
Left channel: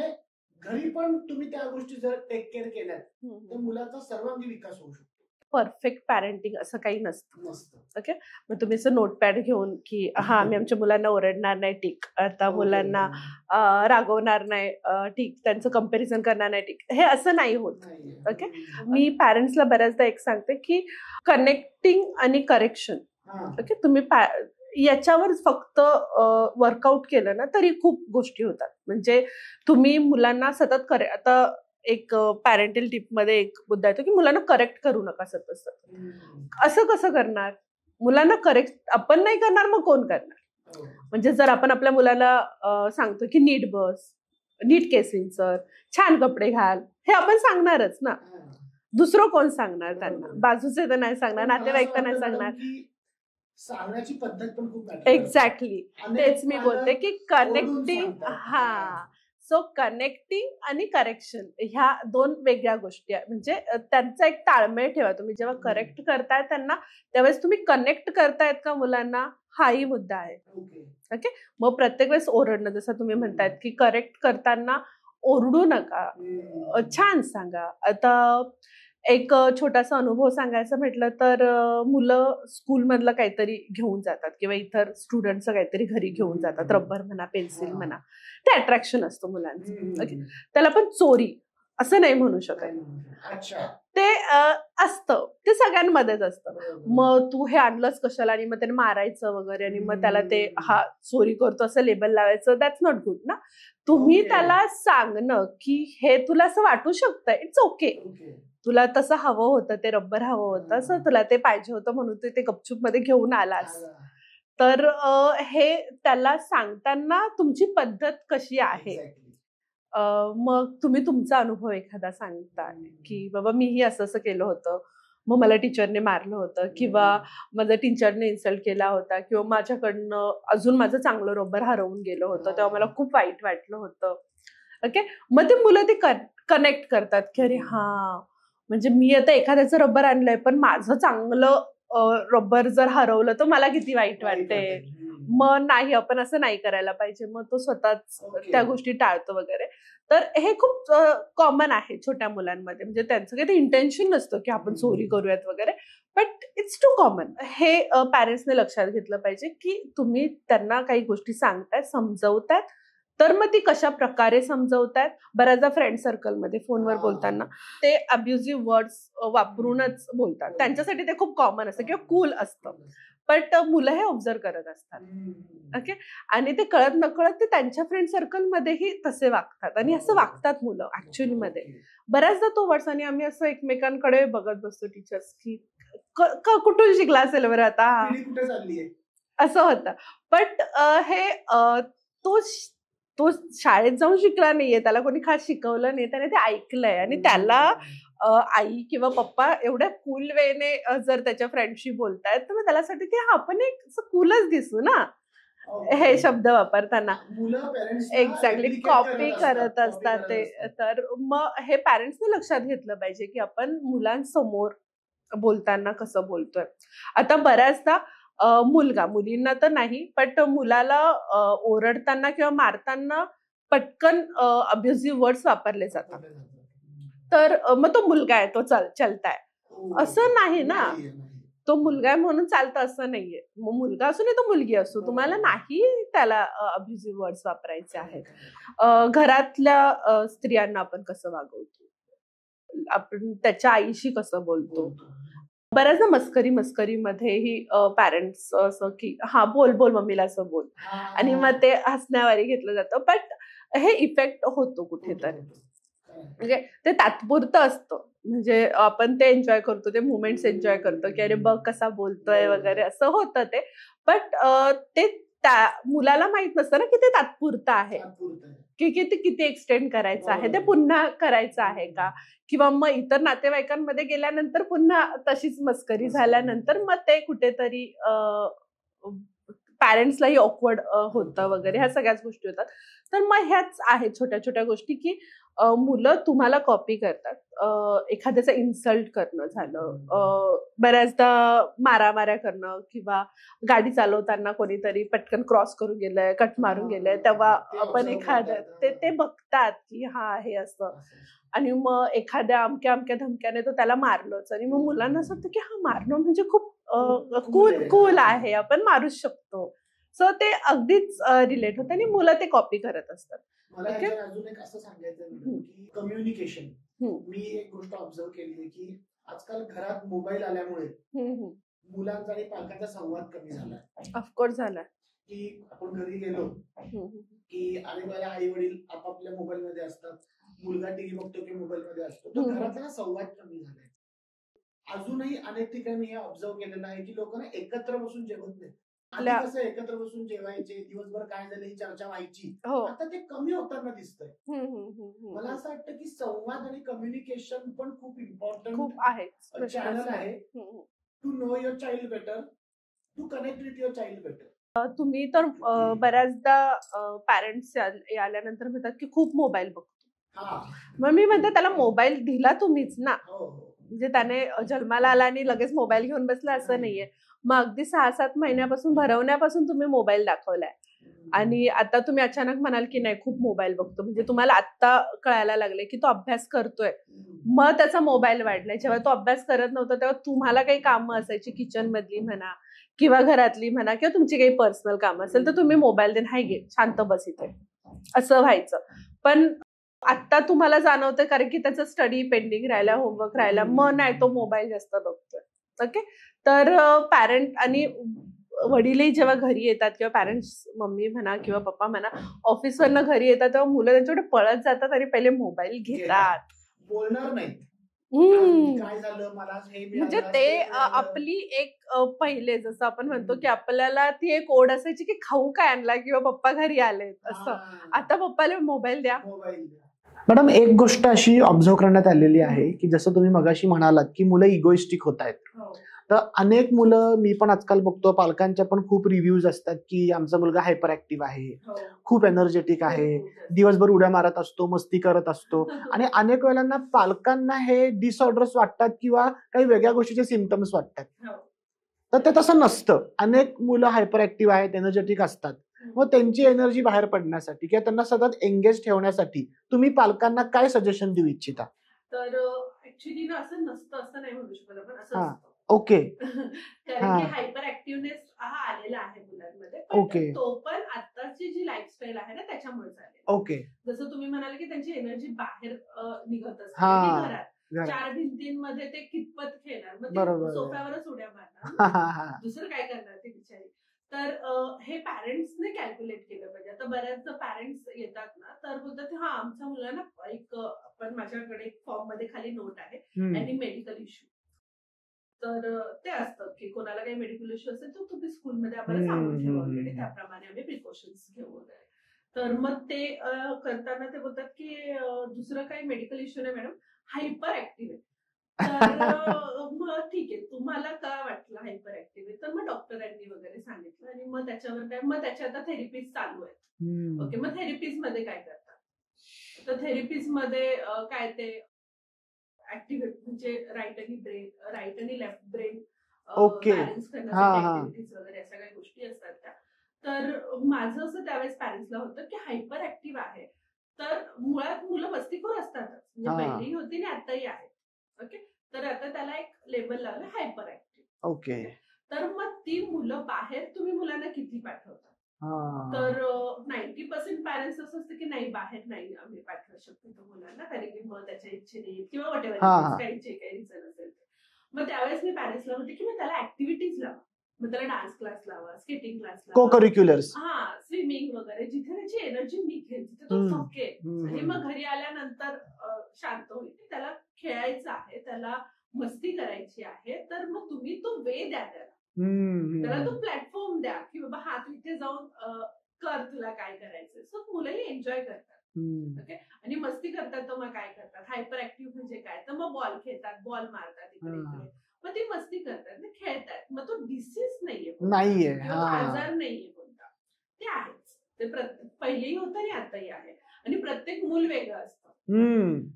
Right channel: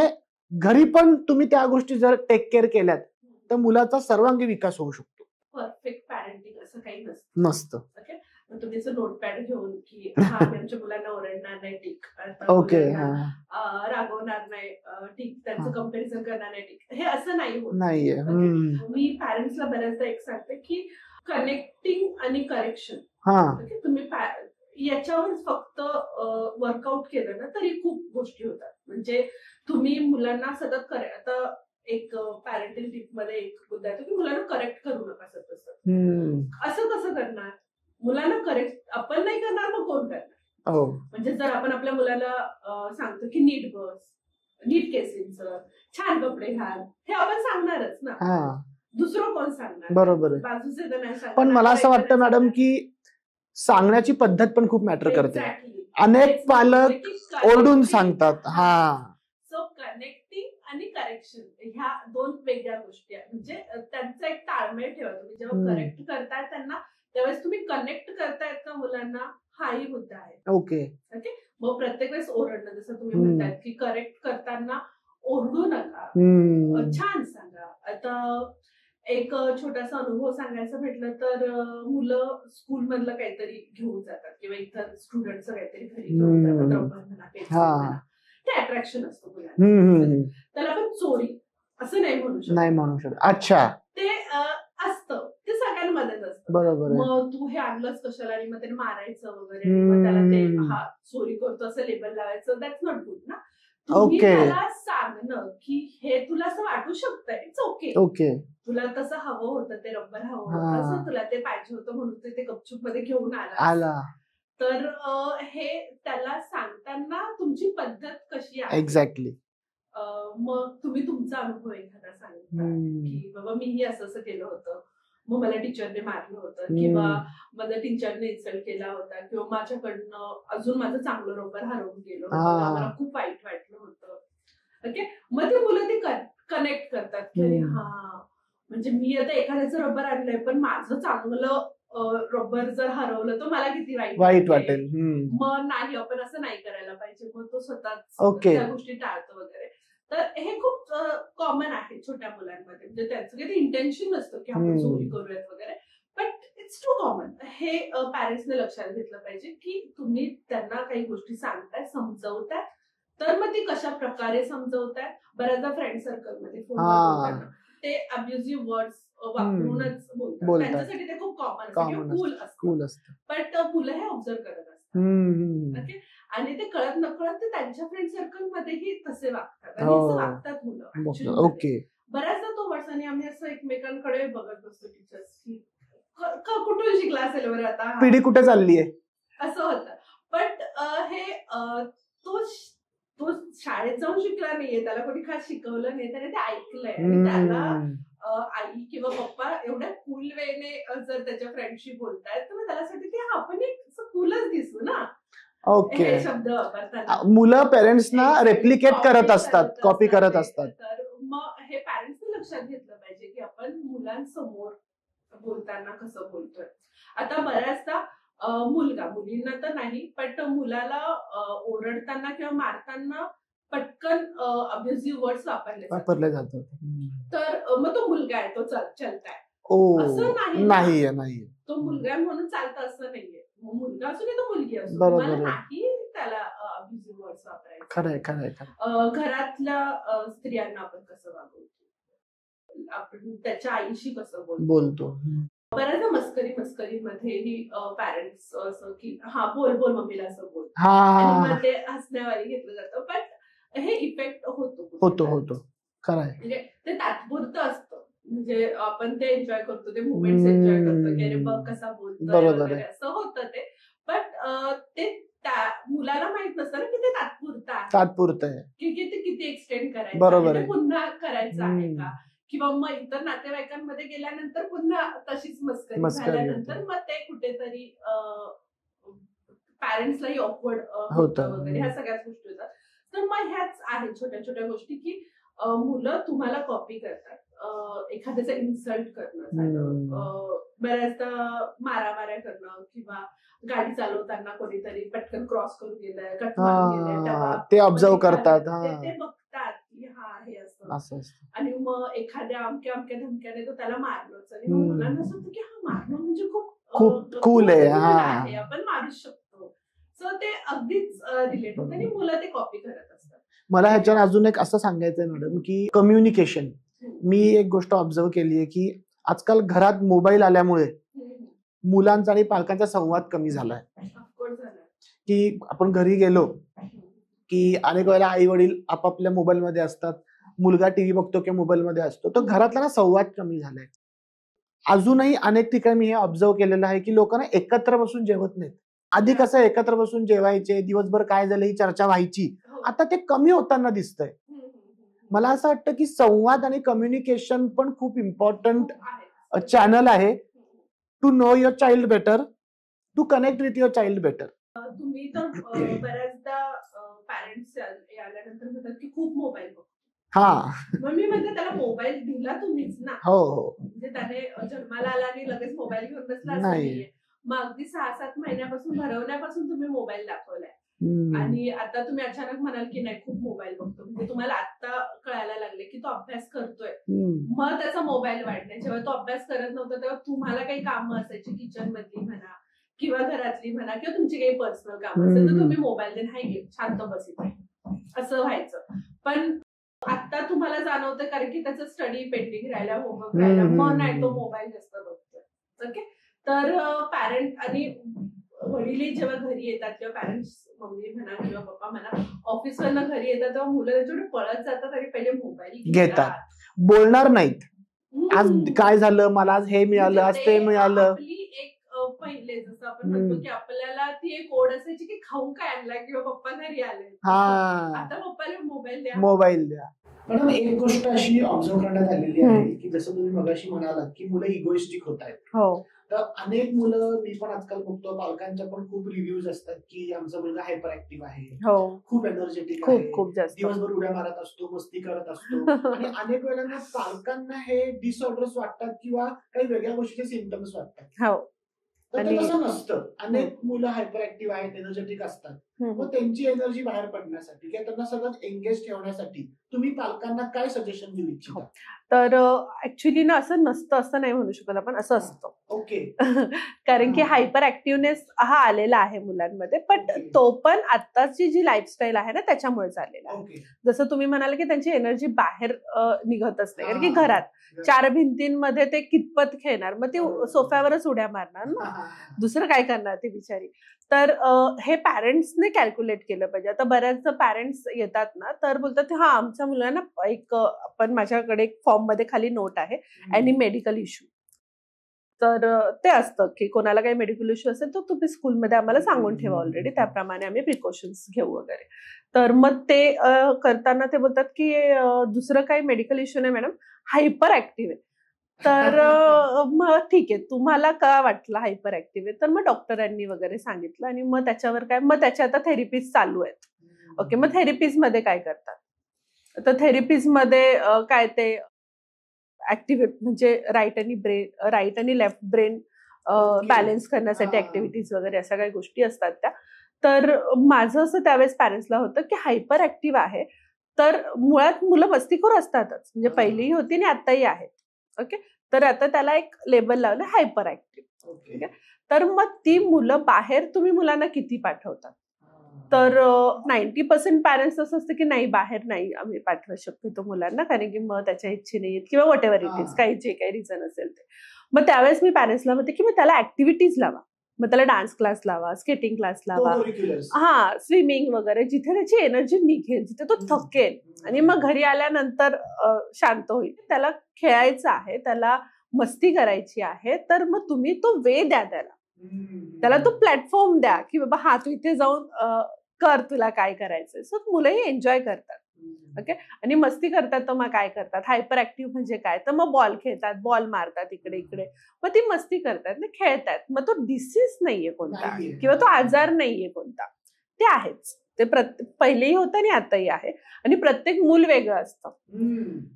घरी पण तुम्ही त्या गोष्टी जर टेक केअर केल्यात तर मुलाचा सर्वांगी विकास होऊ शकतो. परफेक्ट पॅरेंटिंग असं काही नसतं. ओके, मग तुम्ही असं नोटपॅड घेऊन की आम्ही आमच्या मुलांना ओरडणार नाही, ठीक, आता मुलांना रागवणार नाही, ठीक, त्यांचं कंपॅरिझन करणार नाही, ठीक, हे असं नाही होत. ओके, मी पॅरेंट्सला बऱ्याचदा एक सांगते की कनेक्टिंग आणि करेक्शन, ओके, तुम्ही याच्यावर फक्त वर्कआउट केलं ना तरी खूप गोष्टी होतात. म्हणजे तुम्ही मुलांना सतत आता एक पॅरेंटल टिप मध्ये एक मुद्दा येतो की मुलांना करेक्ट करू नका सतत. असं कसं करणार? मुलांना करेक्ट आपण नाही करणार, मग कोण करणार? म्हणजे जर आपण आपल्या मुलाला सांगतो की नीट बस, नीट केसिंग सर, छान कपडे घाल, हे आपण सांगणारच ना, दुसरं कोण सांगणार? बरोबर, बाजूचे तर नाही सांगणार. पण मला असं वाटतं मॅडम की सांगण्याची पद्धत पण खूप मॅटर करते. एक्झॅक्टली, अनेक पालक ओरडून सांगतात. सो कनेक्टिंग आणि करेक्शन ह्या 2 वेगळ्या गोष्टी आहेत. म्हणजे त्यांचा एक ताळमेळ ठेवा. तुम्ही जेव्हा करेक्ट करताय त्यांना, त्यावेळेस तुम्ही कनेक्ट करतायत का मुलांना, हाही मुद्दा आहे. ओके, मग प्रत्येक वेळेस ओरडणं, जसं तुम्ही म्हणतायत की करेक्ट करताना ओरडू नका, छान सांगा. आता एक छोटासा अनुभव सांगायचं म्हटलं तर मुलं स्कूल मधलं काहीतरी घेऊन जातात किंवा इतर स्टुडंटचं काहीतरी घरी घेऊन जातात, रबर म्हणा, पेन्सिल म्हणा, ते अट्रॅक्शन असतं मुलांचं. त्याला पण चोरी असं नाही म्हणू शकत. अच्छा, ते असतं, ते सगळ्यांमध्येच असतं. मग तू हे आणलंच कशाला आणि मग त्याने मारायचं वगैरे आणि मग त्याला ते हा चोरी करतो असं लेबल लावायचं, दॅट्स नॉट गुड ना. तुम्ही त्याला सांगणं की हे तुला असं वाटू शकतं, इट्स ओके, तुला तसं हवं होतं, ते रबर हवं होतं, असं तुला ते पाहिजे होतं म्हणून ते गपचूप मध्ये घेऊन आला. तर हे त्याला सांगताना तुमची पद्धत कशी आहे. एक्झॅक्टली. मग तुम्ही तुमचा अनुभव एखादा सांगता की बाबा मीही असं असं केलं होतं, मग मला टीचरने मारलं होतं किंवा माझ्या टीचरने इन्सल्ट केला होता किंवा माझ्याकडनं अजून माझं चांगलं रबर हरवून गेलं होतं, तेव्हा मला खूप वाईट वाटलं होतं. ओके, मग ते मुलं ते कनेक्ट करतात की अरे म्हणजे मी आता एखाद्याचं रबर आणलंय पण माझं चांगलं रबर जर हरवलं तर मला किती वाईट वाटेल. मग नाही, आपण असं नाही करायला पाहिजे. मग तो स्वतःच त्या गोष्टी टाळतो वगैरे. तर हे खूप कॉमन आहे छोट्या मुलांमध्ये. म्हणजे त्यांचं काही इंटेन्शन नसतं की आपण चोरी करूयात वगैरे, बट इट्स टू कॉमन. हे पॅरेंट्सने लक्षात घेतलं पाहिजे की तुम्ही त्यांना काही गोष्टी सांगताय, समजवताय, तर मग ती कशा प्रकारे समजवतायत. बऱ्याचदा फ्रेंड सर्कलमध्ये फोनवर बोलताना ते अब्युझिव्ह वर्ड्स वापरूनच बोलतात. त्यांच्यासाठी ते खूप कॉमन असतं किंवा कूल असतं, बट मुलं हे ऑब्झर्व करत असतात. ओके, आणि ते कळत नकळत ते त्यांच्या फ्रेंड सर्कलमध्येही तसे वागतात आणि असं वागतात मुलं ऍक्च्युअली मध्ये. बऱ्याचदा तो वर्ड्स, आणि आम्ही असं एकमेकांकडे बघत बसतो टीचर्स की कुठून शिकला असेल बरं, आता पिढी कुठे चालली आहे असं होतं. बट हे तो शाळेत जाऊन शिकला नाहीये, त्याला कोणी खास शिकवलं नाही, त्याने ते ऐकलंय आणि त्याला आई किंवा पप्पा एवढ्या कूल वेने जर त्याच्या फ्रेंडशी बोलतायत तर मग त्याला की आपण एक कूलच दिसू ना. हे शब्द वापरताना मुलं पेरेंट्सना रेप्लिकेट करत असतात, कॉपी करत असतात. तर मग हे पॅरेंट्सने लक्षात घेतलं पाहिजे की आपण मुलांसमोर बोलताना कसं बोलतोय. आता बऱ्याचदा मुलगा, मुलींना तर नाही, पण मुलाला ओरडताना किंवा मारताना पटकन अब्युझिव्ह वर्ड्स वापरले जातात. तर मग तो मुलगा आहे, तो चलताय असं नाही. तो मुलगा आहे म्हणून चालतं असं नाहीये. मग मुलगा असू नाही तो मुलगी असू, तुम्हाला नाही त्याला अब्युझिव्ह वर्ड्स वापरायचे. घरातल्या स्त्रियांना आपण कसं वागवतो, आपण त्याच्या आईशी कसं बोलतो. बऱ्याचदा मस्करीमध्येही पॅरेंट्स असं की हा बोल मम्मीला असं बोल, आणि मग ते हसण्यावारी घेतलं जातं. पण हे इफेक्ट होतो. म्हणजे ते तात्पुरतं असतं. म्हणजे आपण ते एन्जॉय करतो, ते मुवमेंट्स एन्जॉय करतो की अरे बघ कसा बोलतोय वगैरे असं होतं ते. बट ते त्या मुलाला माहित नसतं ना की ते तात्पुरतं आहे, की ते किती एक्सटेंड करायचं आहे, ते पुन्हा करायचं आहे का, किंवा मग इतर नातेवाईकांमध्ये गेल्यानंतर पुन्हा तशीच मस्करी झाल्यानंतर मग ते कुठेतरी पॅरेंट्सलाही ऑकवर्ड होतं वगैरे, ह्या सगळ्याच गोष्टी होतात. तर मग ह्याच आहेत छोट्या छोट्या गोष्टी की मुलं तुम्हाला कॉपी करतात. एखाद्याचं इन्सल्ट करणं झालं, बऱ्याचदा मारामाऱ्या करणं, किंवा गाडी चालवताना कोणीतरी पटकन क्रॉस करून गेलंय, कट मारून गेलंय, तेव्हा ते ऑब्झर्व करतात, ते बघतात की हा हे असं, आणि मग एखाद्या अमक्या धमक्याने तो त्याला मारलंच, आणि मग मुलांना असं वाटतं की हा मारणं म्हणजे खूप कूल आहे, आपण मारूच शकतो. सो ते अगदीच रिलेट होतं आणि मुलं ते कॉपी करत असतात. मला ह्याच्यावर अजून एक असं सांगायचंय मॅडम की कम्युनिकेशन, मी एक गोष्ट ऑब्झर्व केली आहे की आजकाल घरात मोबाईल आल्यामुळे मुलांचा आणि पालकांचा संवाद कमी झालाय. ऑफकोर्स झालाय. की आपण घरी गेलो की अनेक वेळेला आई वडील आपापल्या मोबाईल मध्ये असतात, मुलगा टीव्ही बघतो किंवा मोबाईल मध्ये असतो, तर घरातला संवाद कमी झालाय. अजूनही अनेक ठिकाणी मी हे ऑब्झर्व केलेलं आहे की लोकांना एकत्र बसून जेवत नाहीत. आधी कसं एकत्र बसून जेवायचे, दिवसभर काय झालं ही चर्चा व्हायची, आता ते कमी होताना दिसतंय. मला असं वाटतं की संवाद आणि कम्युनिकेशन पण खूप इम्पॉर्टंट चॅनल आहे to know your child better, to connect with your child better. तुम्ही तर बऱ्याचदा पॅरेंट्स आल्यानंतर म्हणतात की खूप मोबाईल बघतो. मग मी म्हणते त्याला मोबाईल दिला तुम्हीच ना. म्हणजे त्याने जन्माला आला आणि लगेच मोबाईल घेऊन बसला असं नाहीये. मग अगदी 6-7 महिन्यापासून भरवण्यापासून तुम्ही मोबाईल दाखवलाय, आणि आता तुम्ही अचानक म्हणाल की नाही खूप मोबाईल बघतो, म्हणजे तुम्हाला आता कळायला लागले की तो अभ्यास करतोय, मग त्याचा मोबाईल वाढलाय. जेव्हा तो अभ्यास करत नव्हता तेव्हा तुम्हाला काही कामं असायची किचन मधली म्हणा किंवा घरातली म्हणा, किंवा तुमची काही पर्सनल कामं असेल तर तुम्ही मोबाईल देऊन हाय घे शांत बस इथे, असं व्हायचं. पण आता तुम्हाला जाणवतं कारण की त्याचा स्टडी पेंडिंग राहिला, होमवर्क राहिला, मग नाही तो मोबाईल जास्त बघतोय. ओके, तर पॅरेंट आणि वडीलही जेव्हा घरी येतात किंवा पॅरेंट्स मम्मी म्हणा किंवा पप्पा म्हणा ऑफिसवरनं घरी येतात तेव्हा मुलं त्यांच्याकडे पळत जातात आणि पहिले मोबाईल घेतात, बोलणार नाहीत. आज काय झालं, मला आज हे मिळालं, आज ते मिळालं. आपली एक पहिले जसं आपण म्हणतो की आपल्याला ती एक ओढ असायची की खाऊ काय आणला किंवा पप्पा घरी आले, आता पप्पाला मोबाईल द्या. मॅडम एक गोष्ट अशी ऑब्झर्व करण्यात आलेली आहे की जसं तुम्ही मगाशी म्हणालात की मुलं इगोइस्टिक होत आहेत, तर अनेक मुलं मी पण आजकाल बघतो पालकांच्या पण खूप रिव्ह्यूज असतात की आमचा मुलगा हायपर ऍक्टिव्ह आहे, खूप एनर्जेटिक आहे, दिवसभर उड्या मारत असतो, मस्ती करत असतो. आणि अनेक वेळेला पालकांना हे डिसऑर्डर्स वाटतात किंवा काही वेगळ्या गोष्टीचे सिम्पटम्स वाटतात. तर ते तसं नसतं. अनेक मुलं हायपर ऍक्टिव्ह आहेत, एनर्जेटिक असतात, मग त्यांची एनर्जी बाहेर पडण्यासाठी किंवा त्यांना सतत एंगेज ठेवण्यासाठी तुम्ही पालकांना काय सजेशन देऊ इच्छिता? तर ऍक्च्युली ना असं नसतं असं नाही म्हणू शकत आपण, असं असतं. ओके. कारण की हायपर ऍक्टिव्हनेस हा आलेला आहे मुलांमध्ये, पण तो पण आताची जी लाईफस्टाईल आहे ना त्याच्यामुळेच आलेला. ओके. जसं तुम्ही म्हणाले की त्यांची एनर्जी बाहेर निघत असते, कारण की घरात 4 भिंतींमध्ये ते कितपत खेळणार, मग ते सोफ्यावरच उड्या मारणार ना, दुसरं काय करणार ती बिचारी. तर हे पॅरेंट्सने कॅल्क्युलेट केलं पाहिजे. आता बऱ्याच पॅरेंट्स येतात ना तर बोलतात हा आमच्या मुलांना एक पण माझ्याकडे एक फॉर्म मध्ये खाली नोट आहे आणि मेडिकल इश्यू, तर ते असतं की कोणाला काही मेडिकल इश्यू असेल तर तुम्ही स्कूलमध्ये आम्हाला सांगून ठेवा ऑलरेडी, त्याप्रमाणे आम्ही प्रिकॉशन्स घेऊ वगैरे. तर मग ते करताना ते बोलतात की दुसरं काही मेडिकल इश्यू नाही मॅडम, हायपर ऍक्टिव्ह आहे. तर मग ठीक आहे, तुम्हाला का वाटलं हायपर ऍक्टिव्ह आहे, तर मग डॉक्टरांनी वगैरे सांगितलं आणि मग त्याच्यावर काय, मग त्याच्या आता थेरपीज चालू आहेत. ओके, मग थेरपीज मध्ये काय करतात, तर थेरपीज मध्ये काय ते ऍक्टिव्हिटी म्हणजे राईट आणि लेफ्ट ब्रेन बॅलन्स करण्यासाठी ऍक्टिव्हिटीज वगैरे अशा काही गोष्टी असतात त्या. तर माझं असं त्यावेळेस पॅरेंट्सला होतं की हायपर ऍक्टिव्ह आहे, तर मुळात मुलं मस्तीखोर असतातच, म्हणजे पहिलीही होती आणि आताही आहेत. ओके, तर आता त्याला एक लेबल लावलं हायपर ऍक्टिव्ह. ओके, तर मग ती मुलं बाहेर तुम्ही मुलांना किती पाठवतात, तर 90% पॅरेंट्स असं असतं की नाही, बाहेर नाही आम्ही पाठवू शकतो मुलांना, कारण की मग त्याच्या इच्छेने किंवा व्हॉट एव्हर इट इज, काही जे काही रिझन असेल ते. मग त्यावेळेस मी पॅरेंट्सला म्हणते की मग त्याला ऍक्टिव्हिटीज लावा, मग त्याला डान्स क्लास लावा, स्केटिंग क्लास लावा, स्विमिंग वगैरे, जिथे त्याची एनर्जी निघेल, जिथे तो थकेल आणि मग घरी आल्यानंतर शांत होईल. त्याला खेळायचं आहे, त्याला मस्ती करायची आहे, तर मग तुम्ही तो वे द्या त्याला तो प्लॅटफॉर्म द्या की बाबा हा तू इथे जाऊन कर, तुला काय करायचंय. सो मुलंही एन्जॉय करतात. ओके, आणि मस्ती करतात तर मग काय करतात, हायपर ऍक्टिव्ह म्हणजे काय, तर मग बॉल खेळतात, बॉल मारतात इकडे इकडे, मग ती मस्ती करतात ना, खेळतात. मग तो डिसीज नाहीये कोणता किंवा तो आजार नाहीये कोणता, ते आहेच. ते पहिलेही होतं आणि आताही आहे, आणि प्रत्येक मूल वेगळं असतं.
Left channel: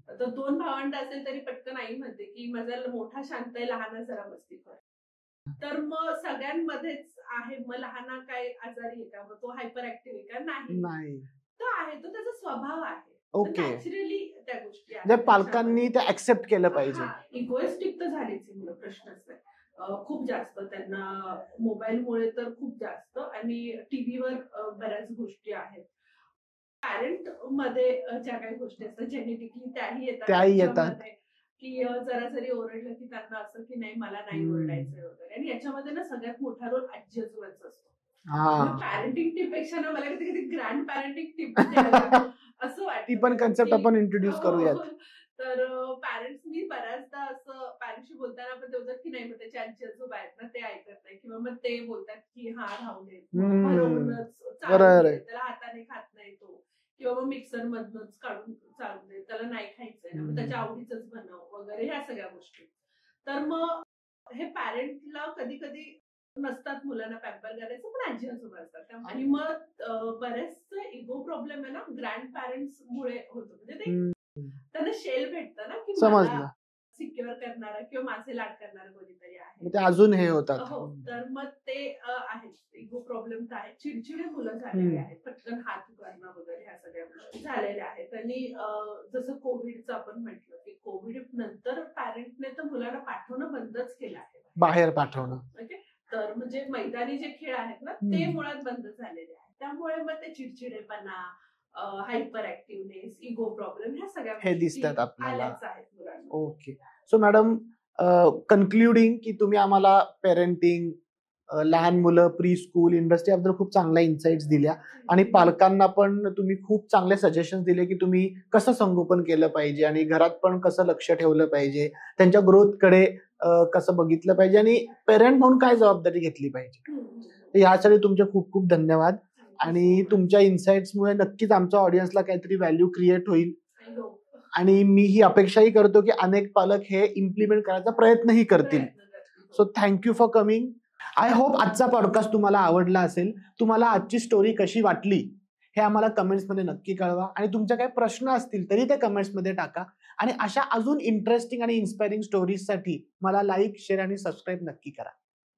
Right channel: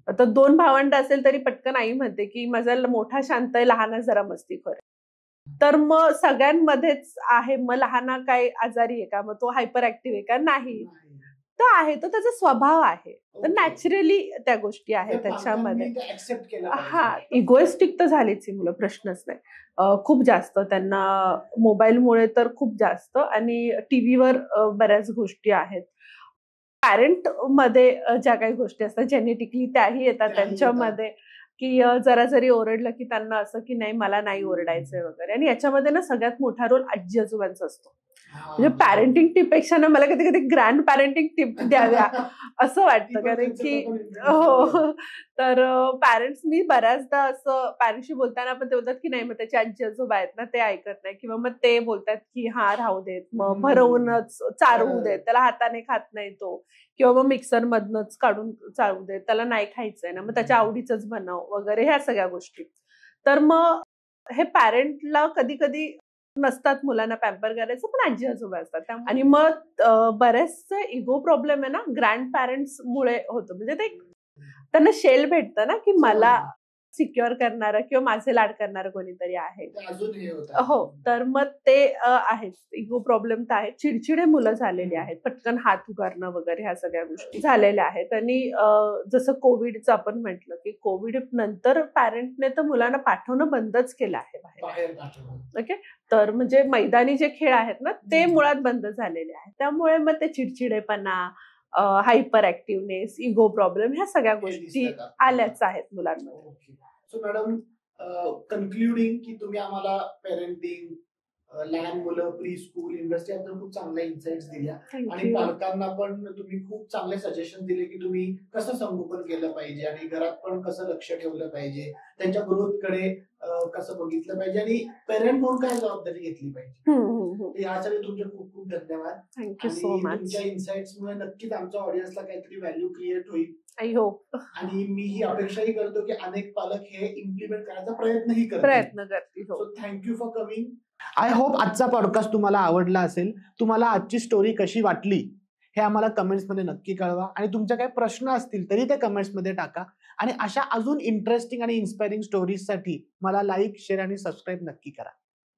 आता 2 भावंड असेल तरी पटकन आई म्हणते की माझा मोठा शांत आहे, लहान जरा मस्तीखोर आहे. तर मग सगळ्यांमध्येच आहे, मग लहान काय आजारी आहे का, मग तो हायपर ऍक्टिव्ह आहे का, नाही, तो आहे, तो त्याचा स्वभाव आहे. तर नॅचरली त्या गोष्टी आहेत त्याच्यामध्ये, ऍक्सेप्ट केलं पाहिजे. इगोइस्टिक तर झालीच ही मुलं, प्रश्नच नाही. खूप जास्त त्यांना मोबाईलमुळे तर खूप जास्त, आणि टीव्हीवर बऱ्याच गोष्टी आहेत. पॅरेंट मध्ये ज्या काही गोष्टी असतात जेनेटिकली त्याही येतात त्यांच्यामध्ये, की जरा जरी ओरडलं की त्यांना असं की नाही मला नाही ओरडायचंय वगैरे. आणि याच्यामध्ये ना सगळ्यात मोठा रोल आजी आजोबांचा असतो. म्हणजे पॅरेंटिंग टिप पेक्षा ना मला कधी कधी ग्रँड पॅरेंटिंग टिप द्याव्या असं वाटतं. हो, तर पॅरेंट्स, मी बऱ्याचदा असं पॅरेंट्सशी बोलताना पण ते बोलतात की नाही, मग त्याचे आजी आजोबा आहेत ना ते ऐकत नाही, किंवा मग ते बोलतात की हा राहू देत, मग भरवूनच चालवू देत, त्याला हाताने खात नाही तो, किंवा मग मिक्सर मधनच काढून चालू देत, त्याला नाही खायचंय ना, मग त्याच्या आवडीचंच बनव वगैरे, ह्या सगळ्या गोष्टी. तर मग हे पॅरेंटला कधी कधी नसतात मुलांना पॅम्पर करायचं, पण आजी आजोबा असतात. आणि मग बरेचसे इगो प्रॉब्लेम आहे ना ग्रँड पॅरेंट्स मुळे होतो. म्हणजे ते त्यांना शेल भेटतं ना की मला सिक्युअर करणारं किंवा माझे लाड करणारं कोणीतरी आहे, अजून हे होतं. हो, तर मग ते आहे, इगो प्रॉब्लेम तर आहे. चिडचिडे मुलं झालेली आहेत, पटकन हात उगारणं वगैरे, ह्या सगळ्या गोष्टी झालेल्या आहेत. आणि जसं कोविडचं आपण म्हटलं की कोविड नंतर पॅरेंटने तर मुलांना पाठवणं बंदच केलं आहे, बाहेर पाठवणं. ओके, तर म्हणजे मैदानी जे खेळ आहेत ना ते मुळात बंद झालेले आहेत. त्यामुळे मग ते चिडचिडेपणा, हायपर ऍक्टिव्हनेस, इगो प्रॉब्लेम, ह्या सगळ्या गोष्टी आल्याच आहेत मुलांना. ओके, सो मॅडम, कन्क्लुडिंग की तुम्ही आम्हाला पेरेंटिंग, लहान मुलं, प्री स्कूल इंडस्ट्री याबद्दल खूप चांगल्या इन्साइट्स दिल्या, आणि पालकांना पण तुम्ही खूप चांगले सजेशन दिले की तुम्ही कसं संगोपन केलं पाहिजे आणि घरात पण कसं लक्ष ठेवलं पाहिजे, त्यांच्या ग्रोथकडे कसं बघितलं पाहिजे, आणि पेरेंट म्हणून काय जबाबदारी घेतली पाहिजे. यासाठी तुमचे खूप खूप धन्यवाद. आणि तुमच्या इन्साइट्समुळे नक्कीच आमच्या ऑडियन्सला काहीतरी व्हॅल्यू क्रिएट होईल. I hope. आणि मी ही अपेक्षाही करतो की अनेक पालक हे इम्प्लिमेंट करायचा प्रयत्नही करतील. So thank you for coming. I hope आजचा पॉडकास्ट तुम्हाला आवडला असेल. तुम्हाला आजची स्टोरी कशी वाटली हे आम्हाला कमेंट्समध्ये नक्की कळवा, आणि तुमचे काही प्रश्न असतील तरी ते कमेंट्समध्ये टाका. आणि अशा अजून इंटरेस्टिंग आणि इन्स्पायरिंग स्टोरीजसाठी मला लाईक, शेअर आणि सबस्क्राईब नक्की करा.